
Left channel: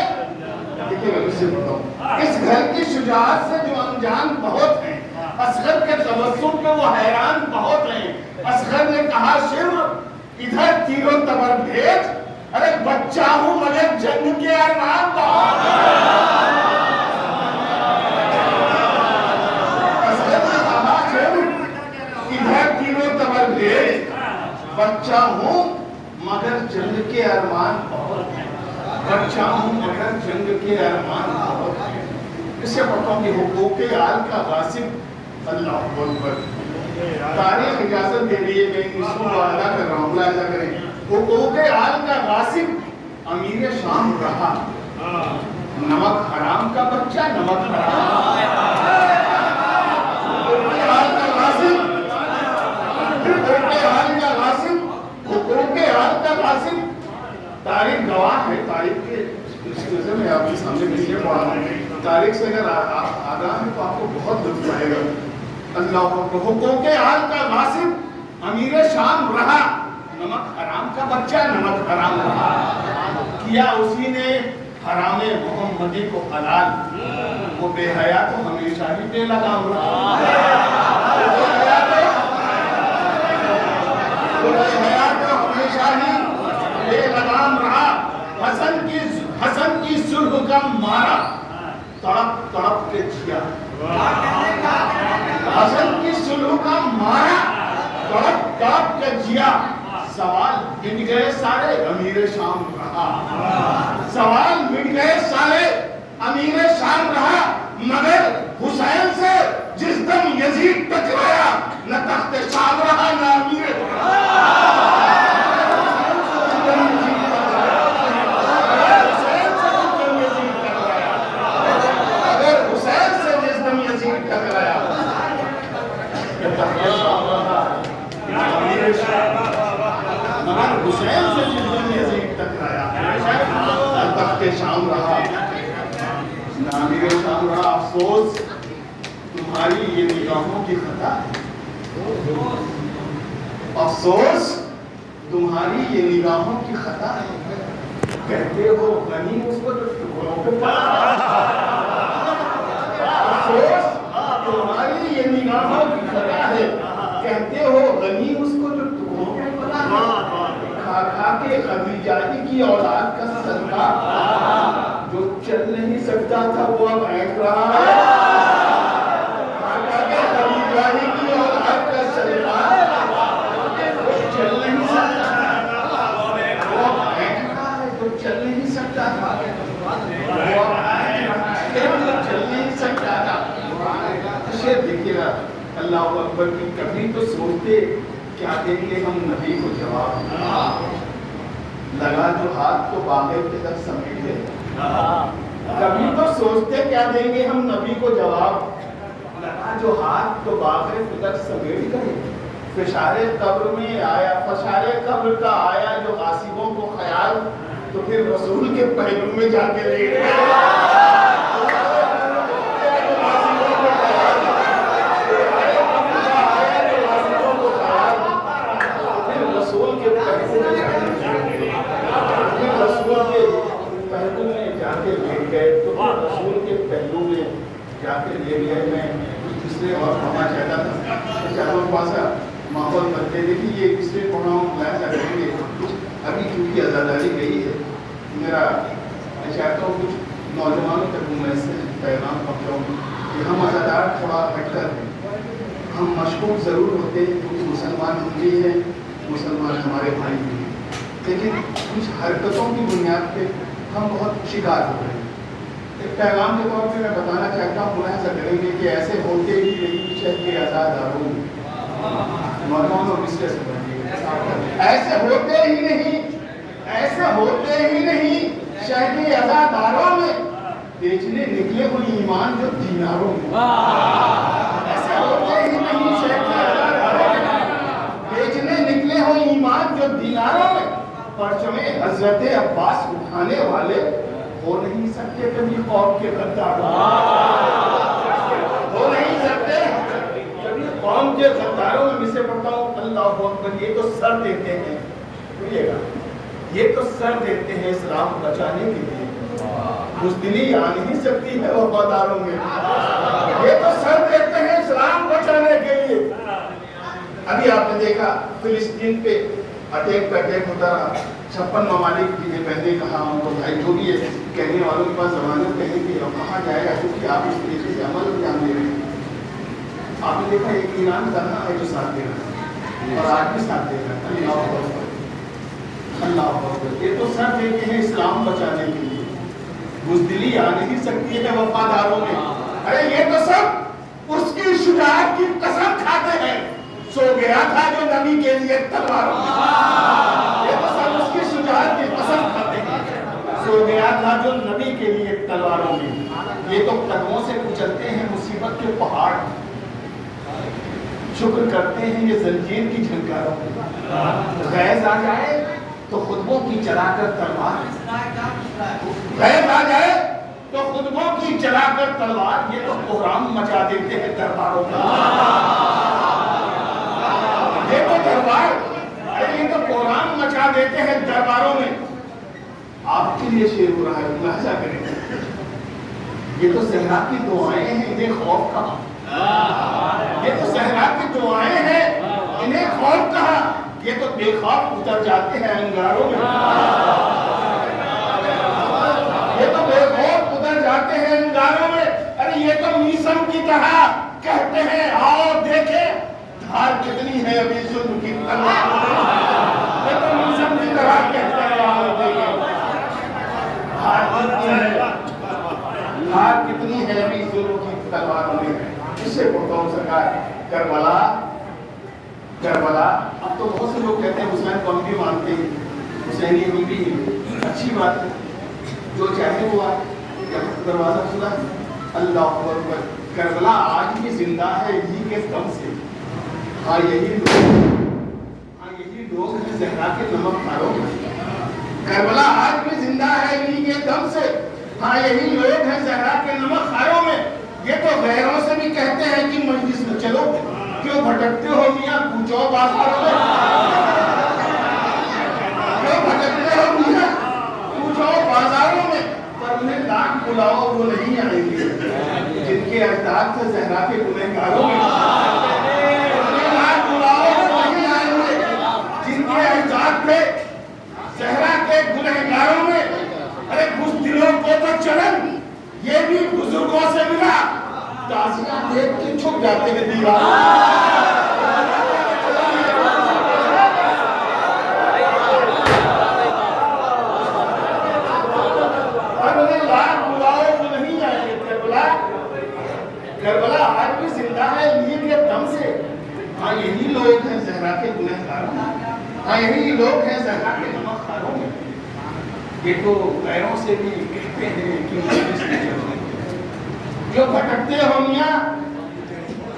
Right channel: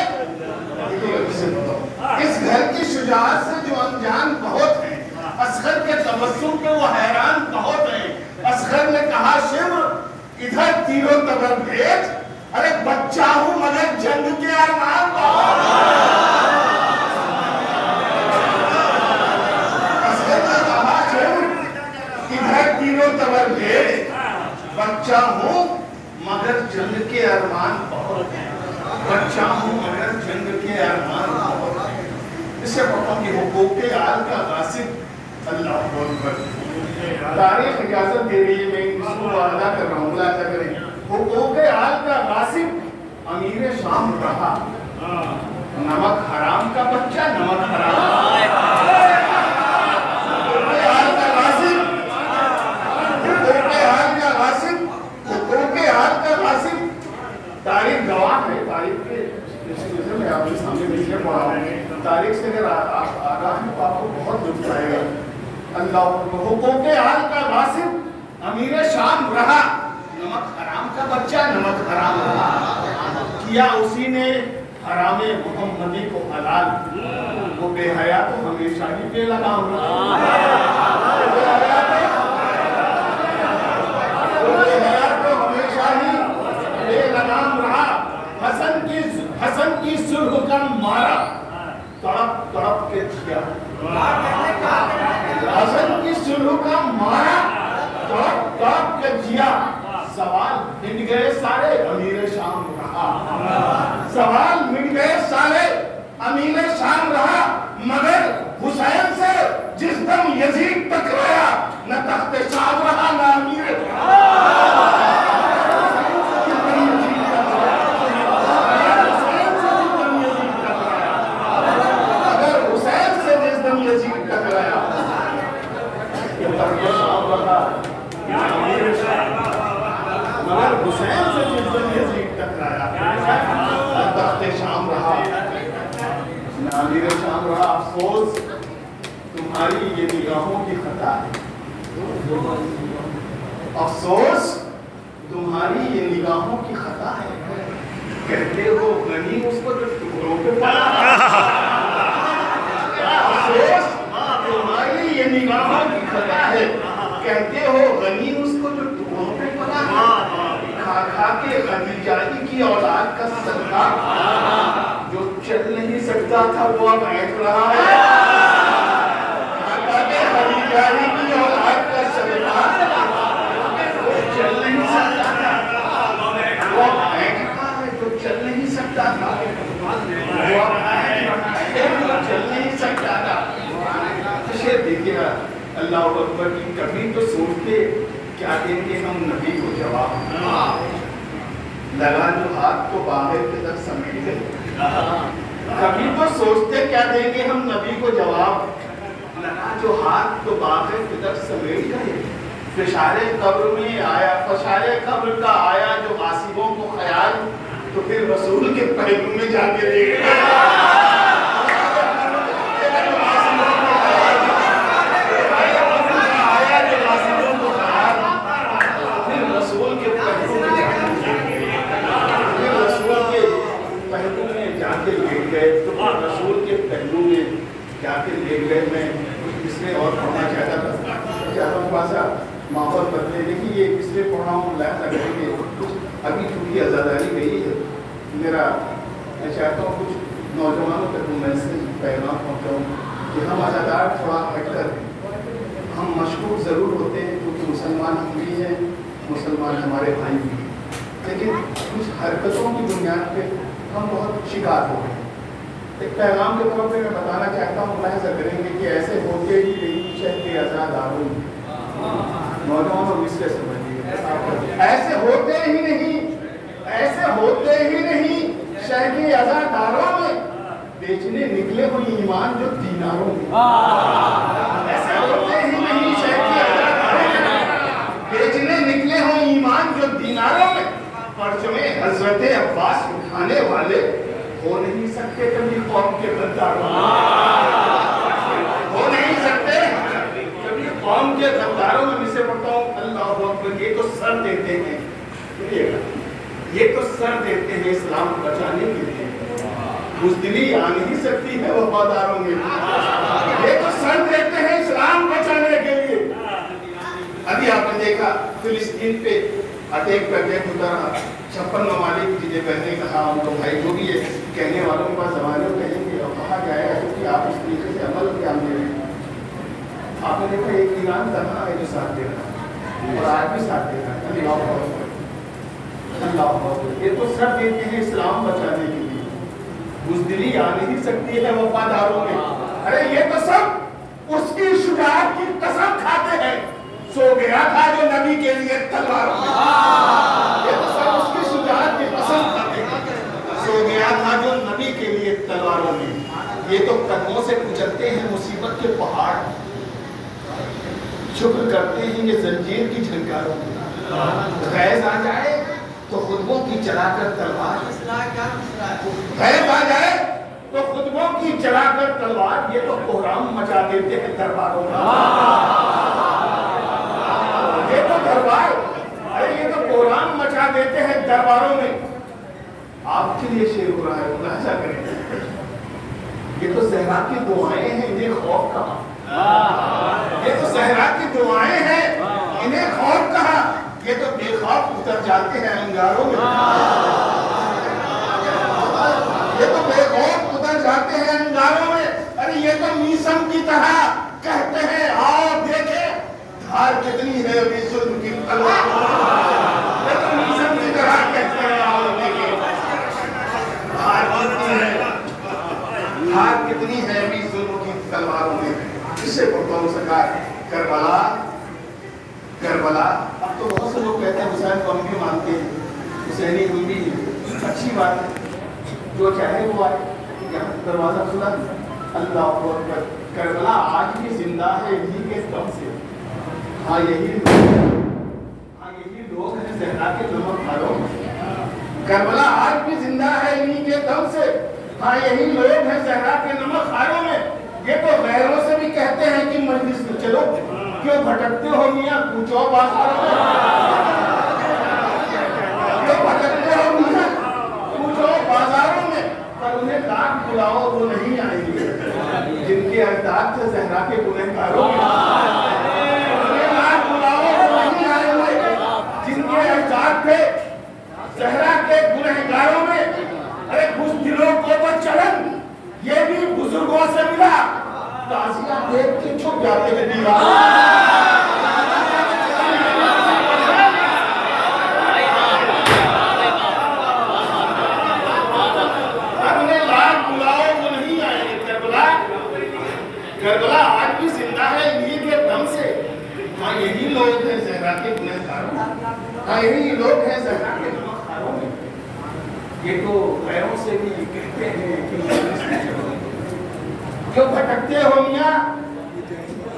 اس گھر کی شجاعت سے جو انجان بہت ہے، اصغر کے تبسم پہ وہ حیران بہت ہیں۔ اصغر نے کہا شمر ادھر تیروں تبر بھیج، ارے بچہ ہوں مگر جنگ کے ارمان بہت ہیں۔ اصغر نے کہا شمر ادھر تیروں تبر بھیج، بچہ ہوں مگر جنگ کے ارمان بہت ہیں، بچہ ہوں مگر جنگ کے ارمان بہت ہیں۔ اس سے پڑھتا ہوں کہ حقوق آل کا غاصب اللہ اکبر، تاریخ اجازت دے رہی ہے، میں اس کو ادا کر رہا ہوں، ملاحظہ کریں۔ حقوق آل کا غاصب امیر شام رہا، نمک حرام کا بچہ نمک حرام، حقوق آل کا غاصب، حقوق آل کا غاصب، حقوق آل کا غاصب۔ تاریخ گواہ ہے، تاریخ کے اسی وجہ سے میں آپ کے سامنے اس لیے پڑھا رہا ہوں، تاریخ سے اگر آپ بہت لطف آئے گا. اللہ حقوق حال کا غاصب امیر شام رہا, نمک حرام کا بچہ نمک حرام رہا, کیا اسی نے حرام محمدی کو حلال, وہ بے حیا تو ہمیشہ ہی بے لگام رہا, بے حیا تو ہمیشہ ہی بے لگام رہا. حسن کی صلح کا مارا تڑپ تڑپ کے جیا, حسن کی صلح کا مارا تڑپ تڑپ کے جیا. سوال مٹ گئے سارے امیر شام رہا, سوال مٹ گئے سارے امیر شام رہا, مگر حسین سے جس دم یزید ٹکرایا نہ تخت شام رہا نہ امیر حسین سے جس دم یزید ٹکرایا تخت شام رہا نہ امیر شام رہا. افسوس تمہاری یہ نگاہوں کی خطا ہے, افسوس تمہاری یہ نگاہوں کی خطا ہے. کہتے ہو غنی اس کو جو ٹکڑوں پہ پڑا, افسوس تمہاری یہ نگاہوں کی خطا ہے. کہتے ہو غنی اس کو جو ٹکڑوں پہ پڑا, کھا کے خدیجہ کی اولاد کا صدقہ, جو چل نہیں سکتا تھا وہ اب اینٹ رہا ہے. کھا کے خدیجہ کی اولاد کا صدقہ, جو چل نہیں سکتا تھا وہ اب اینٹ رہا ہے, جو چل نہیں سکتا تھا وہ اب اینٹ رہا ہے, جو چل نہیں سکتا تھا. شعر دیکھیے گا اللہ اکبر کی. کبھی تو سوچتے کیا دیں گے ہم نبی کو جواب, لگا جو ہاتھ کو باہر کے تک سمیٹ گئے. کبھی تو سوچتے کیا دیں گے ہم نبی کو جواب, لگا جو ہاتھ کو باہر کے تک سمیٹ گئے. فشار قبر میں آیا, فشار قبر کا آیا جو غاصبوں کو خیال, تو پھر رسول کے پہلو میں جا کے لیٹ گئے. رسول کے پہلو میں جا کے لے گئے. میں اس لیے اور پڑھنا چاہتا تھا, ماحول کرتے دیکھیے یہ اس لیے پڑھ رہا ہوں, لائن کریں گے ابھی چونکہ آزاداری گئی ہے. میرا میں چاہتا ہوں کچھ نوجوانوں تک میں سے پیغام پہنچاؤں کہ ہم آزادار تھوڑا ہٹ کر, ہم مشکور ضرور ہوتے ہیں کیونکہ مسلمان ہم بھی ہیں, مسلمان ہمارے بھائی بھی ہیں, لیکن کچھ حرکتوں کی بنیاد پہ ہم بہت شکار ہو رہے ہیں. ایک پیغام کے طور پہ میں بتانا چاہتا ہوں, ملاحظہ کریں گے کہ ایسے ہوتے ہی نہیں چاہیے آزاداروں, نوجوانوں اس کے سمجھیے, ایسے ہوتے ہی نہیں, ایسے ہوتے ہی نہیں شہری آزاداروں میں بیچنے نکلے ہوئے ایمان جو دیناروں میں, ایسے ہوتے ہی نہیں شہری آزاداروں میں بیچنے نکلے ہوئے ایمان جو دیناروں میں. پرچم حضرت عباس اٹھانے والے ہو نہیں سکتے کبھی قوم کے غداروں, ہو نہیں سکتے کبھی قوم کے غداروں میں. سے پڑھتا ہوں اللہ اکبر. یہ تو سر دیتے ہیں, یہ تو سر دیتے ہیں اسلام کو بچانے کے لیے, بزدلی آ نہیں سکتی ہے وفاداروں میں. یہ تو سر دیتے ہیں اسلام بچانے کے لیے. ابھی آپ نے دیکھا فلسطین پہ اٹیک پہ اٹیک ہوتا رہا, 56 ممالک جنہیں میں نے کہا ان کو بھائی جو بھی ہے کہنے والوں کے پاس ضمانت کہیں گے اور کہا جائے گا کیونکہ آپ اس طریقے سے عمل انجام دے رہے ہیں. آپ نے دیکھا ایک ایران کہاں ہے جو ساتھ دے رہا ہے اور آج بھی ساتھ دے رہا ہے. اللہ اکبر. یہ تو سر دیتے ہیں اسلام بچانے کے لیے, بزدلی آ نہیں سکتی ہے وفاداروں میں. ارے یہ تو سب اس کی شجاعت کی قسم کھاتے ہیں, سو گیا تھا جو نبی کے لیے تلواروں میں. یہ تو سب اس کی شجاعت کی قسم کھاتے ہیں, سو گیا تھا جو نبی کے لیے تلواروں میں. یہ تو قدموں سے کچلتے ہیں مصیبت کے پہاڑ, شکر کرتے ہیں یہ زنجیر کی جھنکاروں میں. غیظ آ جائے تو خطبوں کی چلا کر تلوار, غیظ آ جائے تو خطبوں کی جلا کر تلوار، یہ تو کوہرام مچا دیتے ہیں درباروں کا. یہ تو دربار، یہ تو کوہرام مچا دیتے ہیں درباروں میں. آپ کے لیے شعر ہو رہا ہے، ملاحظہ کریں. یہ تو صحرا کی دعائیں ہیں، انہیں خوف کہا. یہ تو صحرا کی دعائیں ہیں، انہیں خوف کہا. یہ تو بے خوف اتر جاتے ہیں انگاروں میں. یہ تو بے خوف اتر جاتے ہیں انگاروں میں. ارے یہ تو میسم کی طرح کہتے ہیں آؤ دیکھیں دھار کتنی ہے ابھی ظلم کی تلوار. یہ تو میسم کی طرح کہتے ہیں آؤ دیکھیں دھار کتنی ہے، دھار کتنی ہے ابھی ظلم کی تلواروں میں. اس سے پڑھتا ہوں سرکار کربلا. کربلا اب تو بہت سے لوگ کہتے ہیں حسین کو ہم بھی مانتے ہیں، حسینی ہم بھی ہیں. اچھی بات ہے، جو چاہے ہوا. یہاں دروازہ کھلا، اللہ اکبر. کربلا آج بھی زندہ ہے انہی کے دم سے. ہاں یہی لوگ ہیں زہرا کے نمک کھاروں. کربلا آج بھی زندہ ہے انہی کے دم سے. ہاں یہی لوگ ہیں زہرا کے نمک خاروں میں. یہ تو غیروں سے بھی کہتے ہیں کہ مجلس میں چلو، کیوں بھٹکتے ہو میاں کوچو بازاروں میں. کیوں بھٹکتے ہو میاں کوچو بازاروں میں. پر انہیں لاکھ بلاؤ وہ نہیں آئیں گے جن کے اجداد تھے زہرا کے گنہگاروں میں. انہیں لاکھ بلاؤ وہ نہیں آئیں گے جن کے اجداد تھے زہرا کے گنہگاروں میں. ارے کچھ دلوں کو تو چلن یہ بھی بزرگوں سے ملا، تعزیہ دیکھ کے چھپ جاتے ہیں دیوار. اب انہیں لاکھ بلاؤ وہ نہیں آئیں گے. کربلا آج بھی زندہ ہے انہی کے دم سے. ہاں یہی لوگ ہیں زہرا کے گنہگاروں میں. ہاں یہی لوگ ہیں زہرا کے نمک خاروں میں. یہ تو غیروں سے بھی کہتے ہیں کہ مجلس میں چلو، کیوں بھٹکتے ہو میاں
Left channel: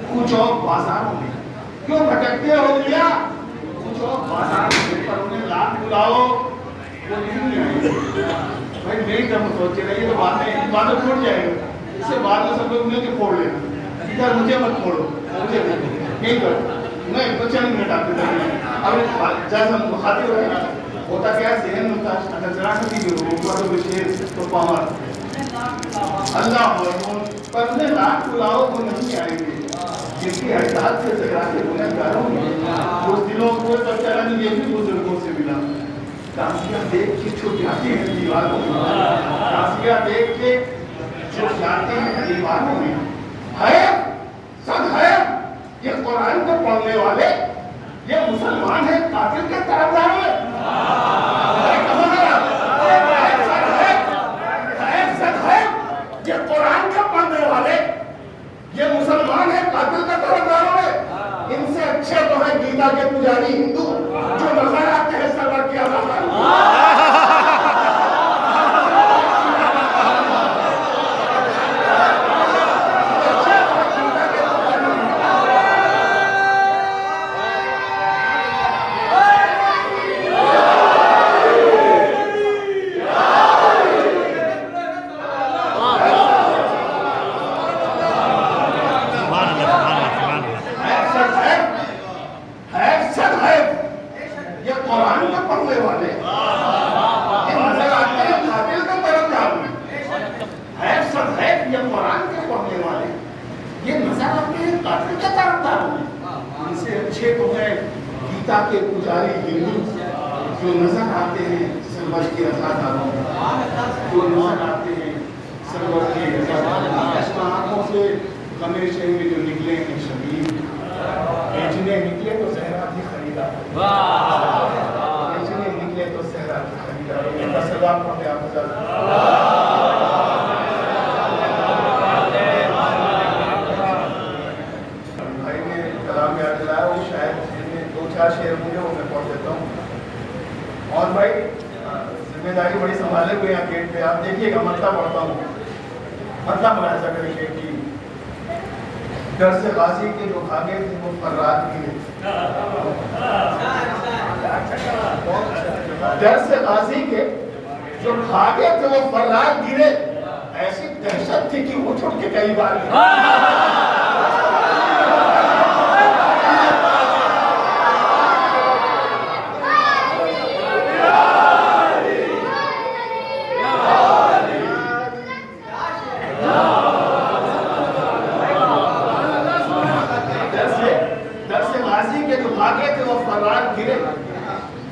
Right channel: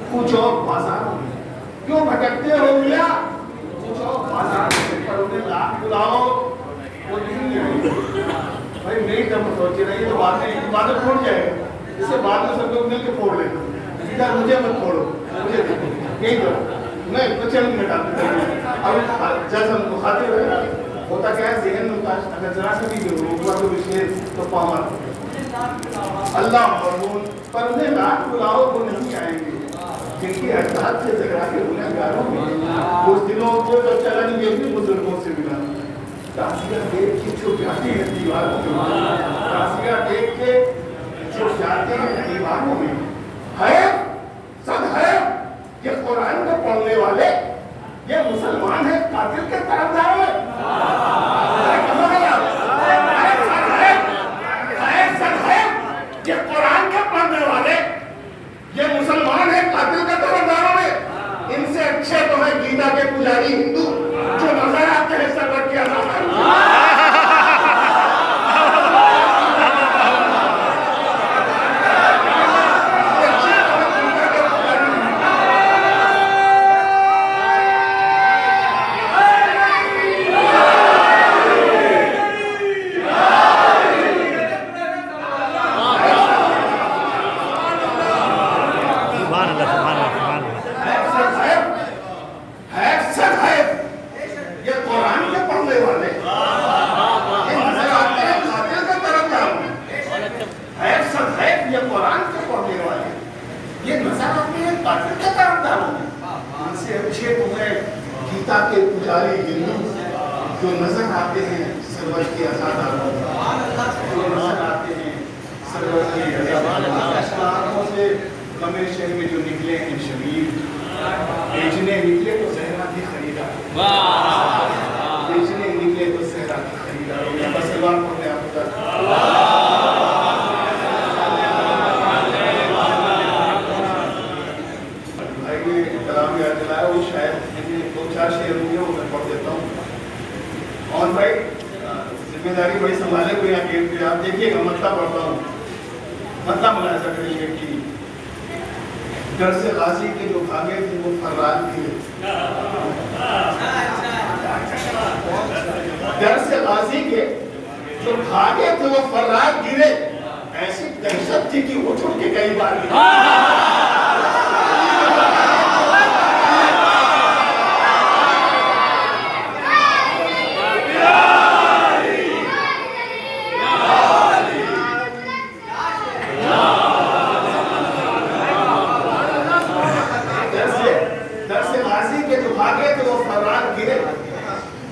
کوچو بازاروں میں. کیوں بھٹکتے ہو میاں کوچو بازاروں میں. پر انہیں لاکھ بلاؤ وہ نہیں آئیں گے. بھائی میری طرف سوچے رہیے تو بعد میں پھوڑ جائے گا. اسے بعد میں سب لوگ نہیں کہ پھوڑ لینا. ادھر مجھے مت پھوڑو، مجھے یہی کرو. نہیں تو چند منٹ آپ کے ابھی جب ہم خاطر رہے ہوتا کیا ہے ذہن میں اگر ذرا سا بھی ہوا تو بسکیل تو پاور اللہ مرحوم. پر انہیں لاکھ بلاؤ تو نہیں آئیں گے جن کے اجداد سے زہرا کے گنہگاروں میں. کچھ دلوں کو تو چلن یہ بھی بزرگوں سے ملا. تعزیہ دیکھ کے چھپ جاتے ہیں دیواروں میں. تعزیہ دیکھ کے چھپ جاتے ہیں دیواروں میں. ہے سب ہے یہ قرآن کو پڑھنے والے، یہ مسلمان ہیں قاتل کے طرفدار میں. یہ قرآن کے پڑھنے والے، یہ مسلمان ہیں قاتل کے طرفداروں میں. ان سے اچھے تو ہیں گیتا کے پجاری ہندو جو نظر آتے ہیں سرور کی عظمت. کے پجاری ہندو جو نظر آتے ہیں سرور کی عزاداروں، جو نظر آتے ہیں سرور کی عزاداروں. آنکھوں سے ہمیشہ میں جو نکلے ہیں شبیر، بیچنے نکلے تو زہرا کی خریدار، بیچنے نکلے تو زہرا کی خریدار. بس اللہ کو میں آپ کو شعر مجھے وہ میں پڑھ دیتا ہوں. اور بھائی ذمہ داری بڑی سنبھالے ہوئے ہیں گیٹ پہ. آپ دیکھیے گا مطلب پڑھتا ہوں. مطلب ملاحظہ کریے کہ ڈر سے غازی کے جو بھاگے تھے وہ فرات گرے. ڈر سے غازی کے جو بھاگے تھے وہ فرات گرے. ایسی دہشت تھی کہ اٹھ کے کئی بار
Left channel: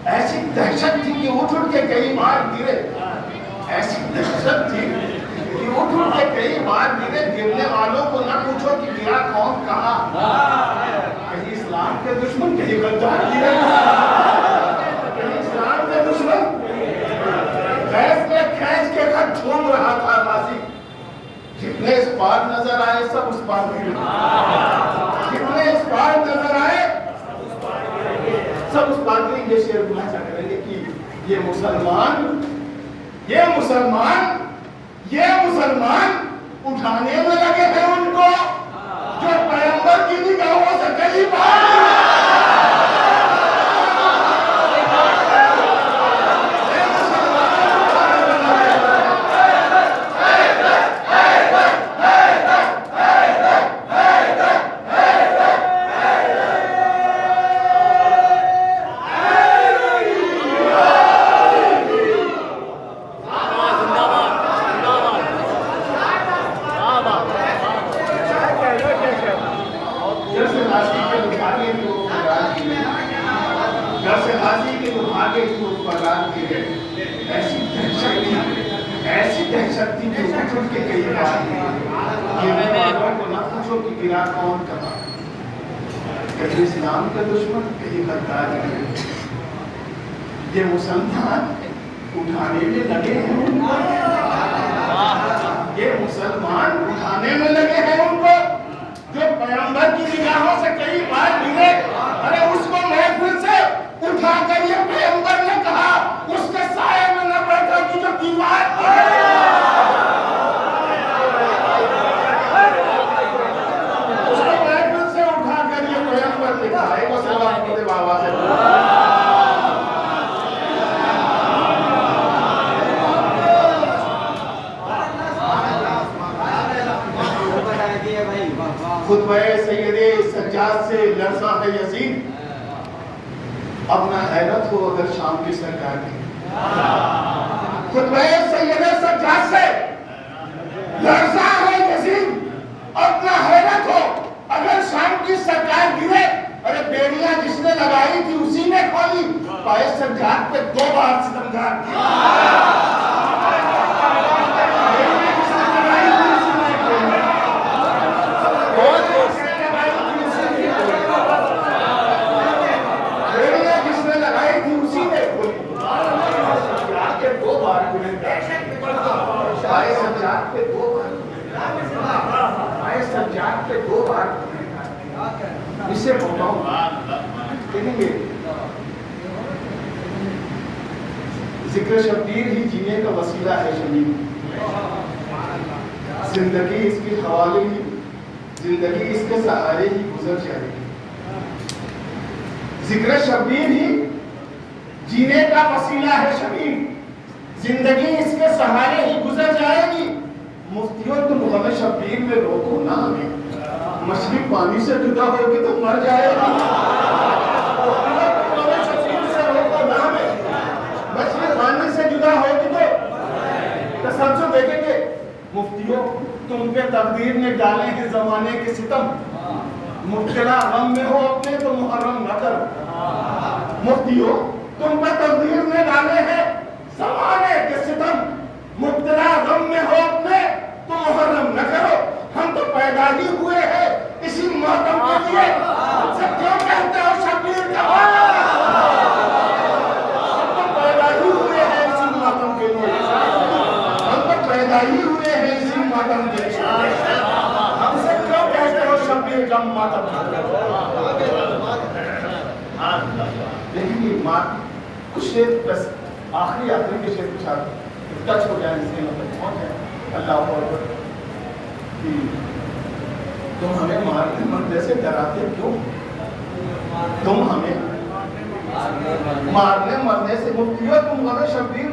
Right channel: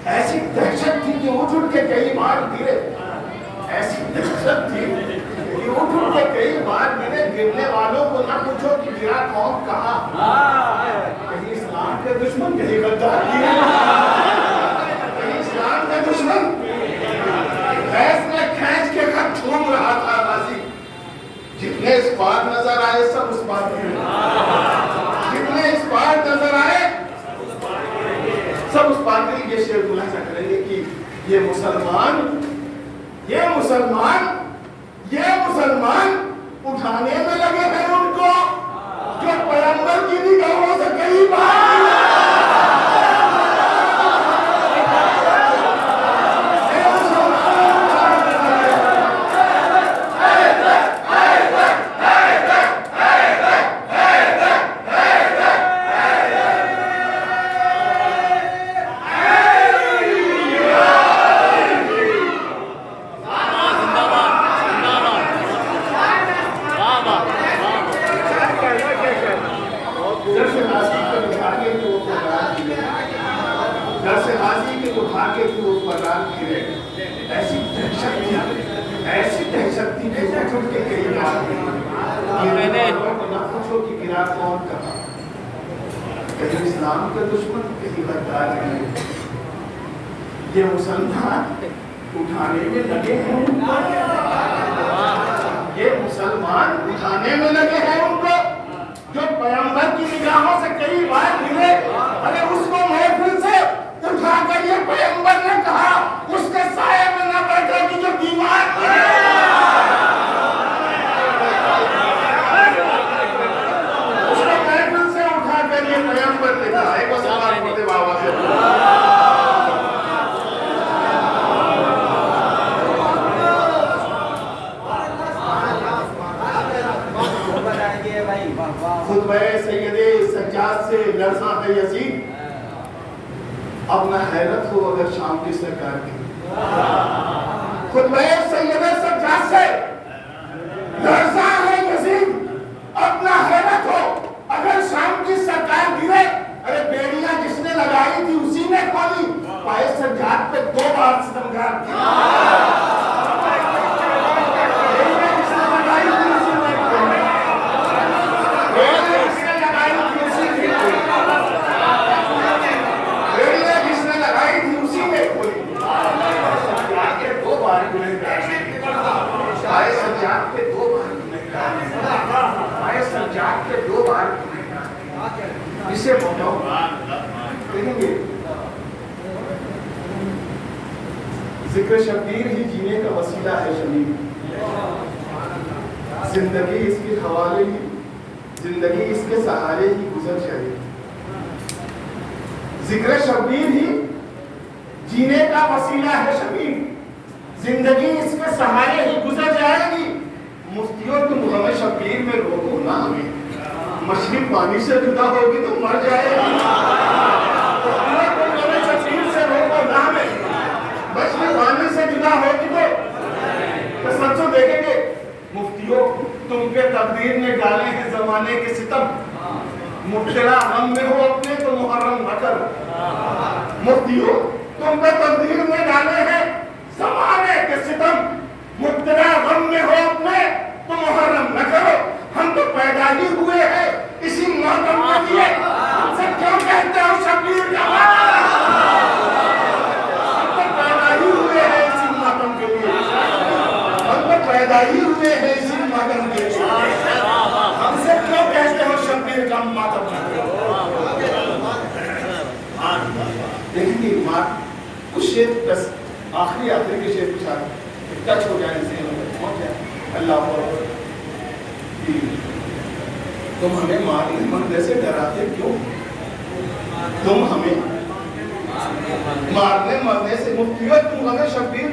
ایسی دہشت تھی کہ اٹھ کے کئی بار گرے. ایسی دہشت تھی کہ اٹھ کے کئی بار گرے. گرنے والوں کو نہ پوچھو کہ گرا کون کہاں. کہیں اسلام کے دشمن, کہیں غدار گرے, کہیں اسلام کے دشمن. کھینچ کے خط چھوم رہا تھا غازی. جتنے اس بار نظر آئے سب اس بار گرے. جتنے اس بار نظر آئے سب اس بات میں یہ شعر بلا کریں گے کہ یہ مسلمان اٹھانے میں لگے ہیں ان کو جو پیغمبر کی نگاہوں سے کئی بار ایسی دہشت تھی کہ اٹھ کے کئی بار نہ پوچھو کہ گرا کون کہاں. کہیں اسلام کے دشمن, کہیں غدار گرے. یہ مسلمان اٹھانے میں لگے ہیں ان کو. یہ مسلمان اٹھانے میں لگے ہیں ان کو جو پیغمبر کی نگاہوں سے کئی بار گرے. ارے اس کو محفل سے اٹھا کر یہ پیغمبر نے کہا اس کے سائے میں نہ بیٹھا کہ جو دیوار گرے. اس کو محفل سے اٹھا کر یہ پیغمبر نے کہا. ایک سوال پڑھتے بابا سے خطبہ سید سجاد سے لرزاں ہے یزید. اب نہ حیرت ہو اگر شام کی سرکار کی. خطبہ سید سجاد سے لرزاں ہے یزید. اب نہ حیرت ہو اگر شام کی سرکار گرے. ارے بیڑیاں جس نے لگائی تھی اسی نے کھولی. پائے سجاد پہ 2 بار ستمگار کیا. اسے بتاؤ کہیں گے ذکر شبیر ہی جینے کا وسیلہ ہے شمیم. زندگی اس کے حوالے ہی, زندگی اس کے سہارے ہی گزر جائے گی. ذکر شبیر ہی جینے کا وسیلہ ہے شمیم. زندگی اس کے سہارے ہی گزر جائے گی. مفتیوں تم غم شبیر میں روکو نہ ہمیں. مچھلی پانی سے جدا ہوگی تو مر جائے گی. مچھلی پانی سے جدا ہوگی تو سب سے دیکھیں گے. مفتیوں تم پہ تقدیر نے ڈالے ہیں زمانے کے ستم. مبتلا غم میں ہو اپنے تو محرم نہ کرو. مفتیوں تم پہ تقدیر نے ڈالے ہیں زمانے کے ستم. مبتلا غم میں ہو اپنے تو محرم نہ کرو. ہم تو پیدا ہی ہوئے ہیں اسی ماتم کے لیے. ہم سے کیوں کہتے ہو شبیر جوان. ہم تو پیدا ہی ہوئے ہیں اسی ماتم کے لیے. ہم تو پیدا ہی ہوئے ہیں اسی ماتم کے لیے. ہم سے کیوں کہتے ہو شبیر کا ماتم. دیکھیں گے کچھ شیر بس آخری کے شیر کچھ ٹچ ہو جائے اللہ اکبر. تم ہمیں مارنے مرنے سے ڈراتے کیوں. تم ہمیں مارنے مرنے سے. مفتیوں تم ہمیں شبیر.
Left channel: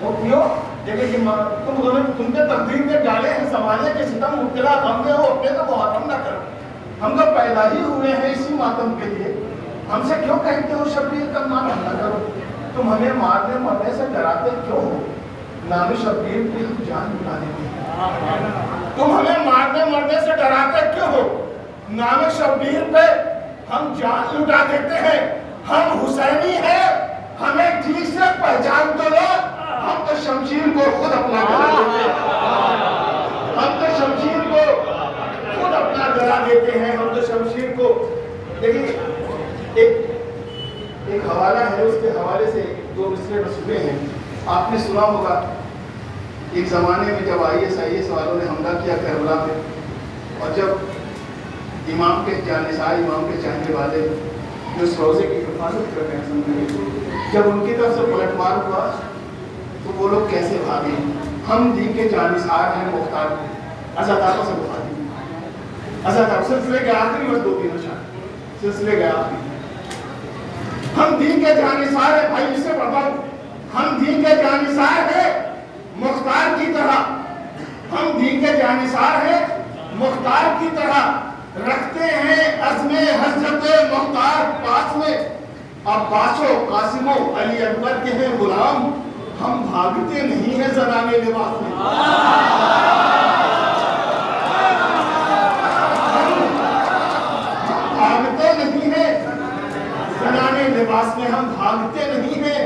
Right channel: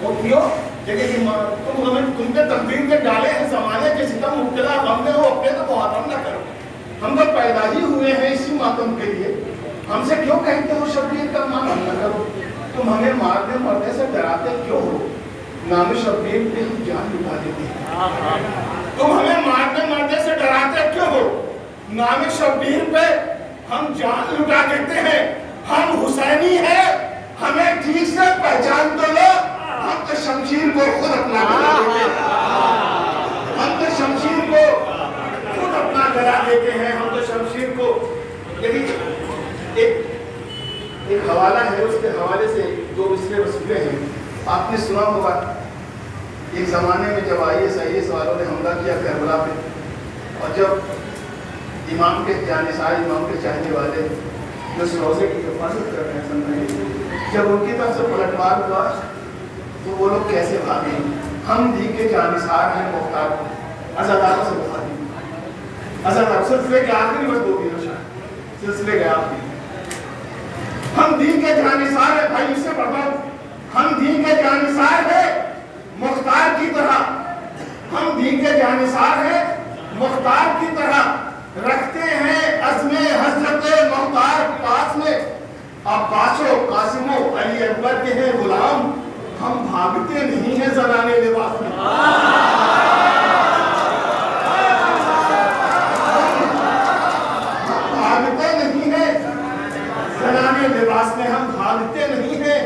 مفتیوں لیکن تم پہ تقدیر کے ڈالے ہیں زمانے کے ستم مبتلا ہم نے ہو اپنے تو محرم نہ کرو. ہم تو پیدا ہی ہوئے ہیں اسی ماتم کے لیے. ہم سے کیوں کہتے ہو شبیر کا مان نہ کرو؟ تم ہمیں مارنے مرنے سے ڈراتے کیوں ہو؟ نام شبیر پہ جان لٹا دیتے ہیں. تم ہمیں مارنے مرنے سے ڈراتے کیوں ہو؟ نام شبیر پہ ہم جان لٹا دیتے ہیں. ہم حسینی ہیں, ہمیں ٹھیک سے پہچان تو لو. ہم تو شمشیر کو خود اپنا گلا دیتے ہیں. ہم تو شمشیر کو خود اپنا گلا دیتے ہیں. ہم تو شمشیر کو دیکھیں ایک حوالہ ہے, اس کے حوالے سے 2 مصرے وصولے ہیں. آپ نے سنا ہوگا ایک زمانے میں جب IS والوں نے حملہ کیا کربلا پہ, اور جب امام کے جانثار, امام کے چاہنے والے جو اس روزے کی حفاظت کر رہے ہیں, جب ان کی طرف سے پلٹوار ہوا تو وہ لوگ کیسے بھاگے. ہم دین کے جانثار ہیں, مختار عزاداروں سے بھاگے. عزادار سلسلے کے آخری بس 2-3 اشعار, سلسلے کے آخری. ہم دین کے جانثار ہیں بھائی, اسے بتاؤ. ہم دین کے جانثار ہیں مختار کی طرح. ہم دین کے جانثار ہیں مختار کی طرح. رکھتے ہیں عزم حضرت مختار پاس میں. عباس و قاسم و علی اکبر کے ہیں غلام. ہم بھاگتے نہیں ہیں زنانے لباس میں. ہم بھاگتے نہیں ہیں زنانے لباس میں. ہم بھاگتے نہیں ہیں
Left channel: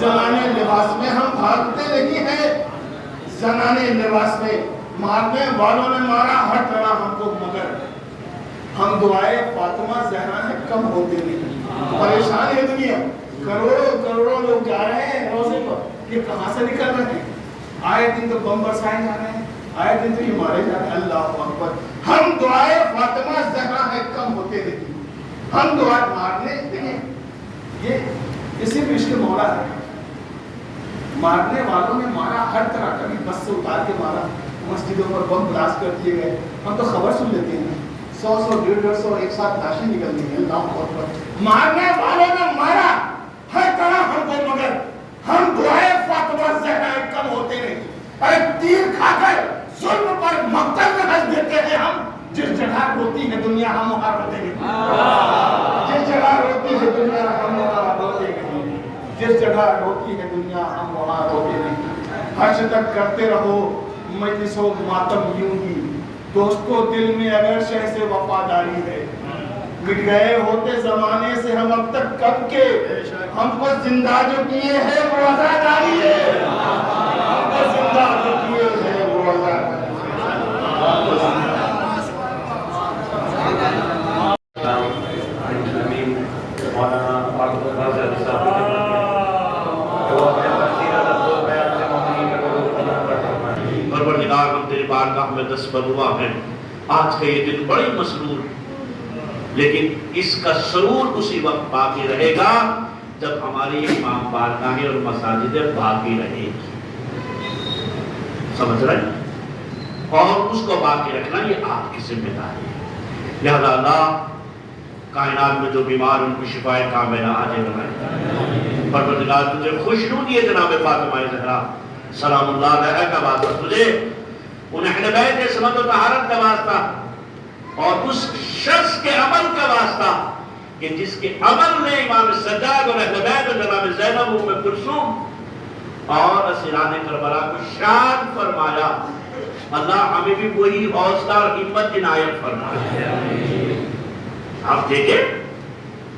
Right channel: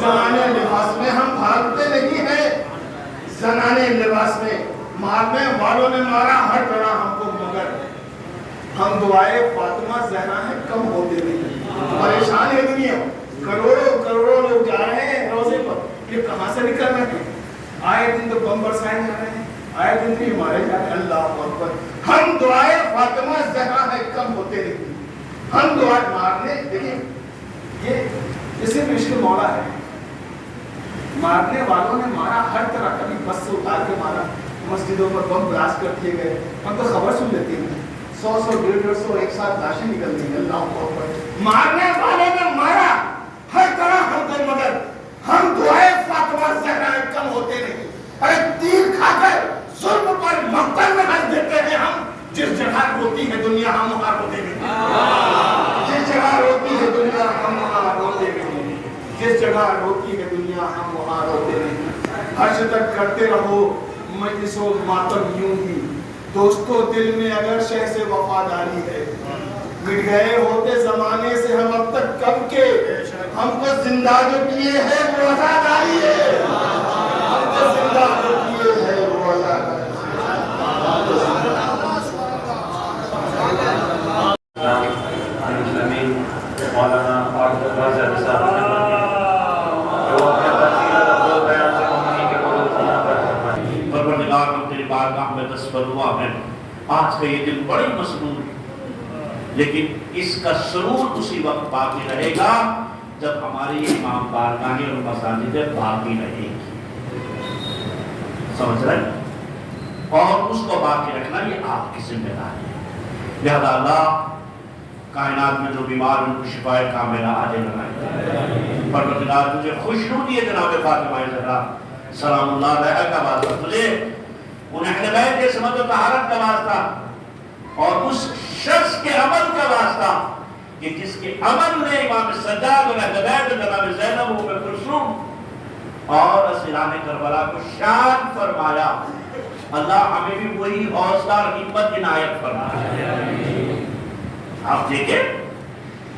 زنانے لباس میں. ہم بھاگتے نہیں ہیں زنانے لباس میں. مارنے والوں نے مارا ہر طرح ہم کو, مگر ہم دعائے فاطمہ زہرا ہیں کم ہوتے نہیں. پریشان ہے دنیا, کروڑوں لوگ جا رہے ہیں روزے پر, یہ کہاں سے نکل رہے ہیں؟ آئے دن تو بم برسائے جا رہے ہیں, آئے دن تو یہ مارے جا رہے ہیں. اللہ اکبر. ہم دعائے فاطمہ زہرا ہیں کم ہوتے نہیں. ہم دعائے مارنے, دیکھیں یہ صرف عشق مولا ہے. مارنے والوں نے مارا ہر طرح, کبھی بس سے اتار کے مارا, مسجدوں پر بم بلاسٹ کر دیے گئے. ہم تو خبر سن لیتے ہیں 100 150 ایک ساتھ لاشیں نکل رہی ہیں. اللہ اکبر. مارنے والوں نے مارا ہر طرح ہم کو, مگر ہم دعائے فاطمہ زہرا کم ہوتے نہیں. ارے تیر کھا کر ظلم پر مقتل میں ہنس دیتے ہیں ہم. جس جگہ روتی ہے دنیا ہم وہاں روتے نہیں. جس جگہ روتی ہے دنیا ہم وہاں روتے نہیں. جس جگہ روتی ہے دنیا ہم وہاں روتے نہیں. حج تک کرتے رہو مجلس و ماتم یوں ہی. دوستو دل میں اگر شہ سے وفاداری ہے. مٹ گئے ہوتے زمانے سے ہم اب تک کب کے. ہم کو زندہ جو کیے ہیں وہ عزاداری ہے. ہم کو زندہ جو کیے ہیں وہ عزاداری. آج کا یہ دن بڑی مسرور, لیکن اس کا سرور اسی وقت باقی رہے گا جب ہماری امام بارگاہیں اور مساجدیں باقی رہے گی. سمجھ رہے ہیں؟ اور اس کو باقی رکھنا یہ آپ کی ذمہ داری ہے. لہذا اللہ کائنات میں جو بیمار ان کو شفائے کاملہ عاجل بنائے. پروردگار تجھے خوشنودی ہے جناب فاطمہ زہرا سلام اللہ علیہا کا واسطہ, تجھے ان اہل بیت کے سمت و طہارت کا واسطہ اور اس شخص کے عمل کا واسطہ کہ جس کے عمل نے امام سجاد اور اہل بیت جناب زینب و ام کلثوم اور اسیران کربلا کو شاد فرمایا. اللہ ہمیں بھی وہی حوصلہ اور ہمت عنایت فرمائے. آپ دیکھیں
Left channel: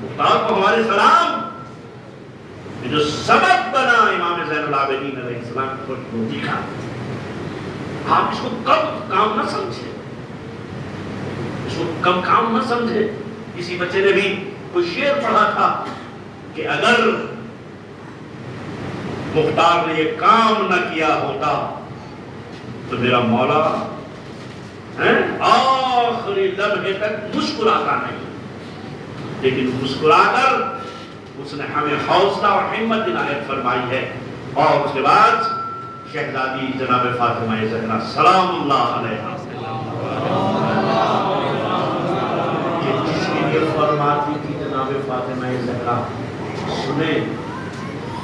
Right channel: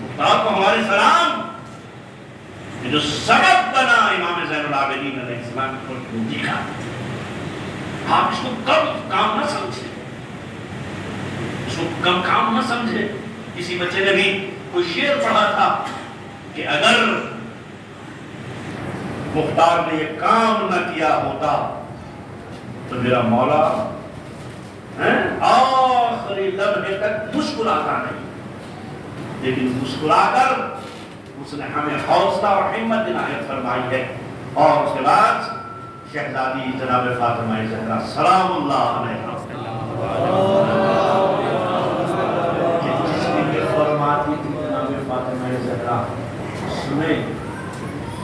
مختار کو ہمارے سلام جو سبب بنا امام زین العابدین علیہ السلام کی خوشنودی کا, آپ اس کو کم کام نہ سمجھے, اس کو کم کام نہ سمجھے. کسی بچے نے بھی کوئی شعر پڑھا تھا کہ اگر مختار نے یہ کام نہ کیا ہوتا تو میرا مولا آخری لمحے تک مسکراتا نہیں. لیکن مسکرا کر اس نے ہمیں حوصلہ اور ہمت عنایت فرمائی ہے. اور اس کے بعد شہزادی جناب فاطمہ زہرا سلام اللہ علیہا جس نے یہ فرماتی تھی جناب فاطمہ زہرا سنیں,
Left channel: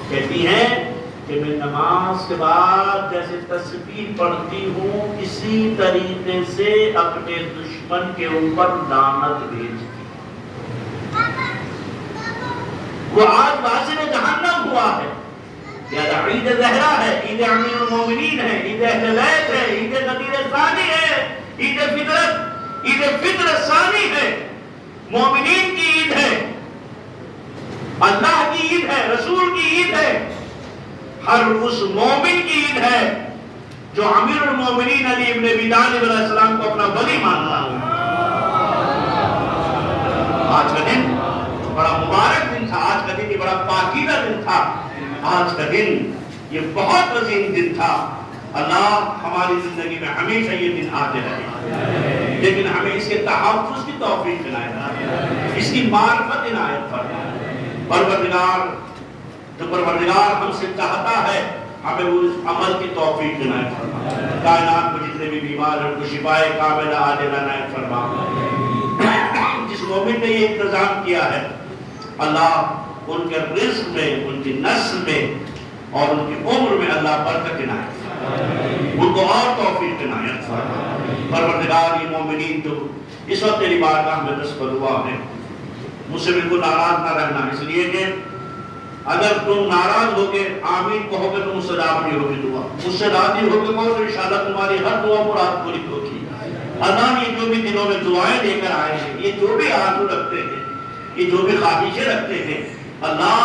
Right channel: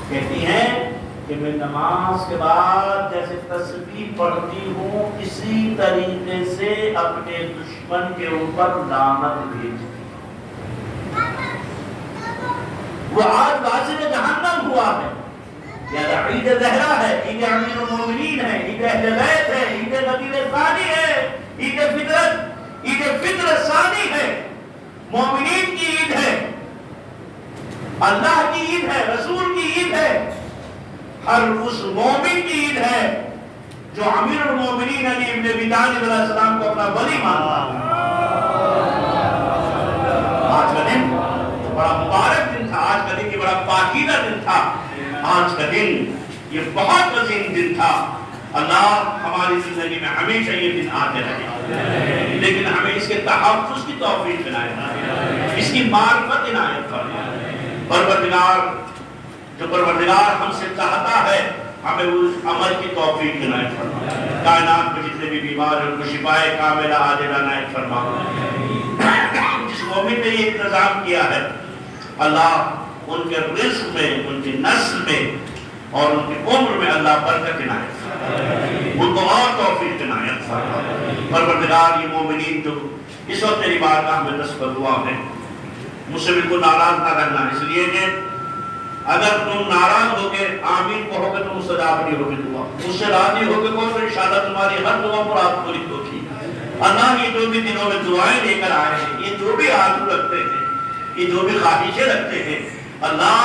کہتی ہیں کہ میں نماز کے بعد جیسے تسبیح پڑھتی ہوں اسی طریقے سے اپنے دشمن کے اوپر لعنت بھیجتی ہوں۔ وہ آج واصل جہنم ہوا ہے، یا عید زہرا ہے، عید امیر المومنین ہے، عید اہل بیت ہے، عید نبی ثانی ہے، عید فطر ثانی ہے، مومنین کی عید ہے، اللہ کی عید ہے، رسول کی عید ہے، ہر اس مومن کی عید ہے جو امیر المومنین علی ابن ابی طالب علیہ السلام کو اپنا ولی مانتا ہے۔ آج کا دن بڑا مبارک دن تھا، آج کا دن یہ بڑا پاکیزہ دن تھا، آج کا دن یہ بہت عظیم دن تھا۔ اللہ ہماری زندگی میں ہمیشہ یہ دن آتے رہے، لیکن ہمیں اس کے تحفظ کی توفیق عنایت، اس کی معرفت عنایت فرمائے۔ پروردگار ہم سے چاہتا ہے ہمیں اس عمل کی توفیق عنایت فرمائے۔ کائنات میں جتنے بھی بیمار ہیں ان کو شفائے کاملہ عاجلہ عنایت فرمائے۔ جس مومن نے یہ انتظام کیا ہے اللہ ان کے رزق میں، ان کی نسل میں اور ان کی عمر میں اللہ برکت عنایت فرمائے، ان کو اور توفیق عنایت فرمائے۔ پروردگار یہ مومنین جو اس وقت تیری بارگاہ میں دستبر ہوا ہے، مجھ سے بالکل ناراض نہ رہنا، اس لیے کہ اگر تم ناراض ہو کے آمین کہو گے تو مستجاب نہیں ہوگی دعا، مجھ سے راضی ہو کے کہو تو انشاءاللہ تمہاری ہر دعا مراد پوری ہوگی۔ اللہ یہ جو بھی دنوں میں دعائیں لے کر آئے ہیں، یہ جو بھی آرزو رکھتے ہیں، یہ جو بھی خواہشیں رکھتے ہیں، اللہ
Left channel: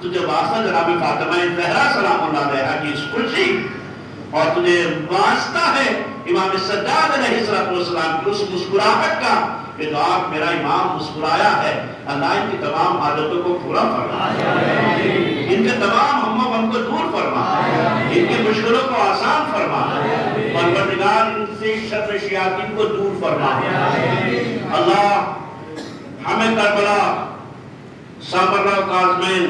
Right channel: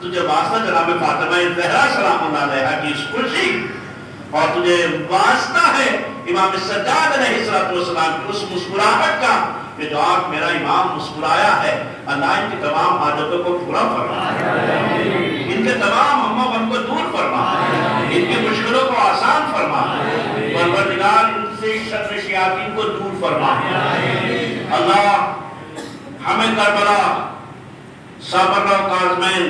تجھے واسطہ جناب فاطمہ زہرا سلام اللہ علیہا کی اس خوشی، اور تجھے واسطہ ہے امام سجاد علیہ السلام کی اس مسکراہٹ کا کہ جو آپ میرا امام مسکرایا ہے، اللہ ان کی تمام حاجتوں کو پورا فرما، ان کے تمام ہم غم کو دور فرما، ان کی مشکلوں کو آسان فرما، پروردگار ان سے شر شیاطین کو دور فرما۔ اللہ ہمیں کربلا، سابرہ و کاظمین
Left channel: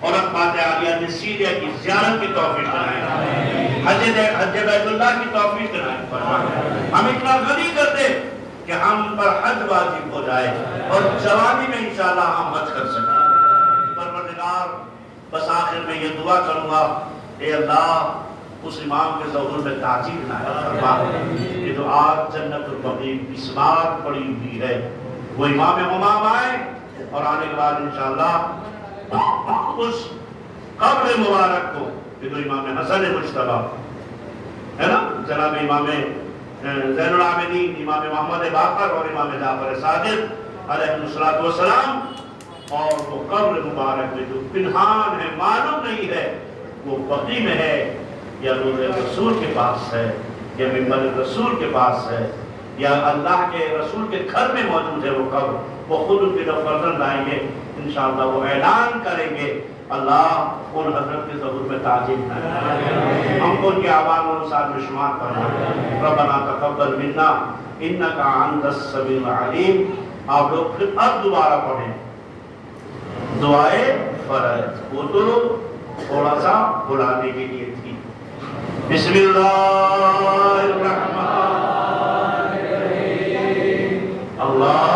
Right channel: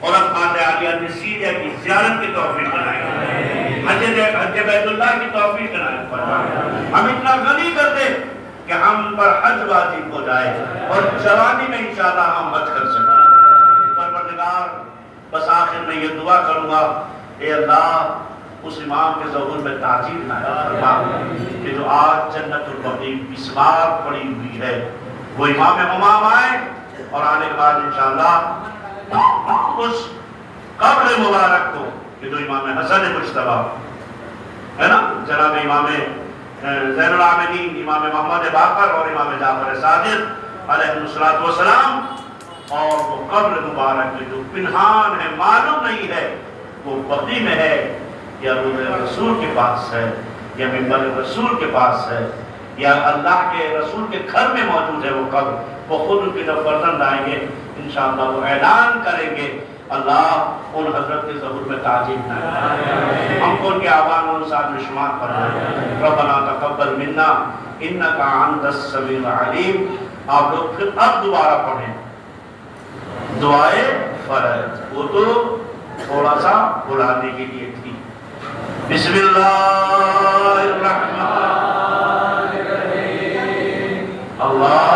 اور اقبات عالیہ سیدہ کی زیارت کی توفیق عنایت، حج بیت اللہ کی توفیق عنایت فرما۔ ہم اتنا غنی کر دے کہ ہم پر حج واجب ہو جائے اور جوانی میں انشاءاللہ ہم حج کر سکیں۔ پروردگار بس آخر میں یہ دعا کروں گا، اے اللہ اس امام کے ظہور میں تعظیم عنایت فرما کہ جو آج جنت البقیع مسمار پڑی ہوئی ہے، وہ امام امام آئے اور آنے کے بعد انشاءاللہ اس قبر مبارک کو کہ جو امام حسن مجتبی ہے نا، جناب امام زین العابدین، امام محمد باقر اور امام جعفر صادق علیہ السلام، اور وہ قبر مبارک میں جو پنہان ہے، معلوم نہیں ہے وہ بقیع میں ہے یا روضہ رسول کے پاس ہے یا منبر رسول کے پاس ہے یا اللہ کے رسول کے گھر میں موجود ہے وہ قبر، وہ خود ان کے جب فرزند آئیں گے انشاءاللہ وہ اعلان کریں گے، اللہ ان حضرت کے ظہور میں تعظیم کریں، ہم کو ان کے آبان اور ساتھ میں شمار فرمائیں۔ ربنا تقبل منا انک انت السمیع العلیم۔ آپ لوگ پھر اب دوبارہ پڑھیں دعائے فرض، وہ تو تھوڑا سا بلانے کے لیے تھی۔ بسم اللہ الرحمن الرحیم، اللہ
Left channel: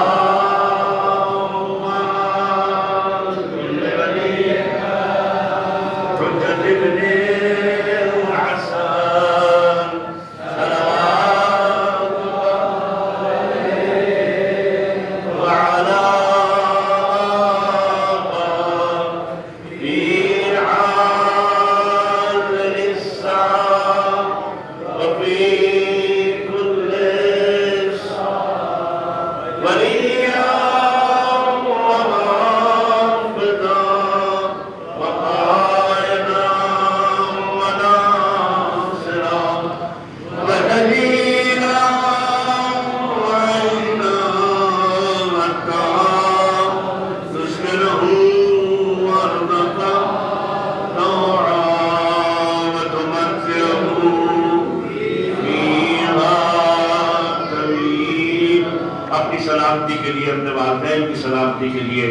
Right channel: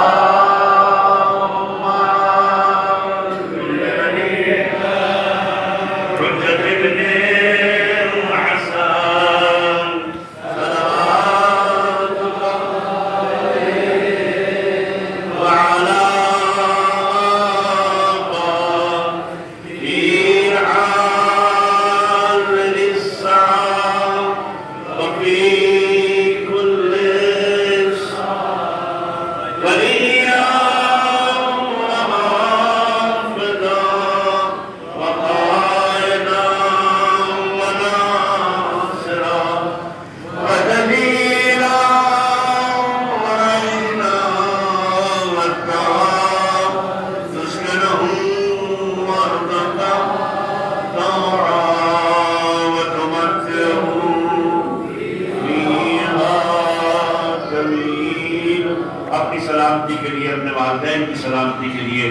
سلامتی کے لیے، اپنے والدین کی سلامتی کے لیے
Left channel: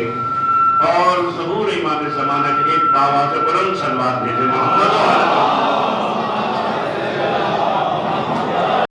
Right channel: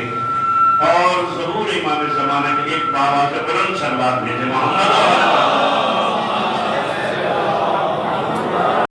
اور ظہور امام زمانہ کے لیے بابا سے بلند صلوات بھیجے محمد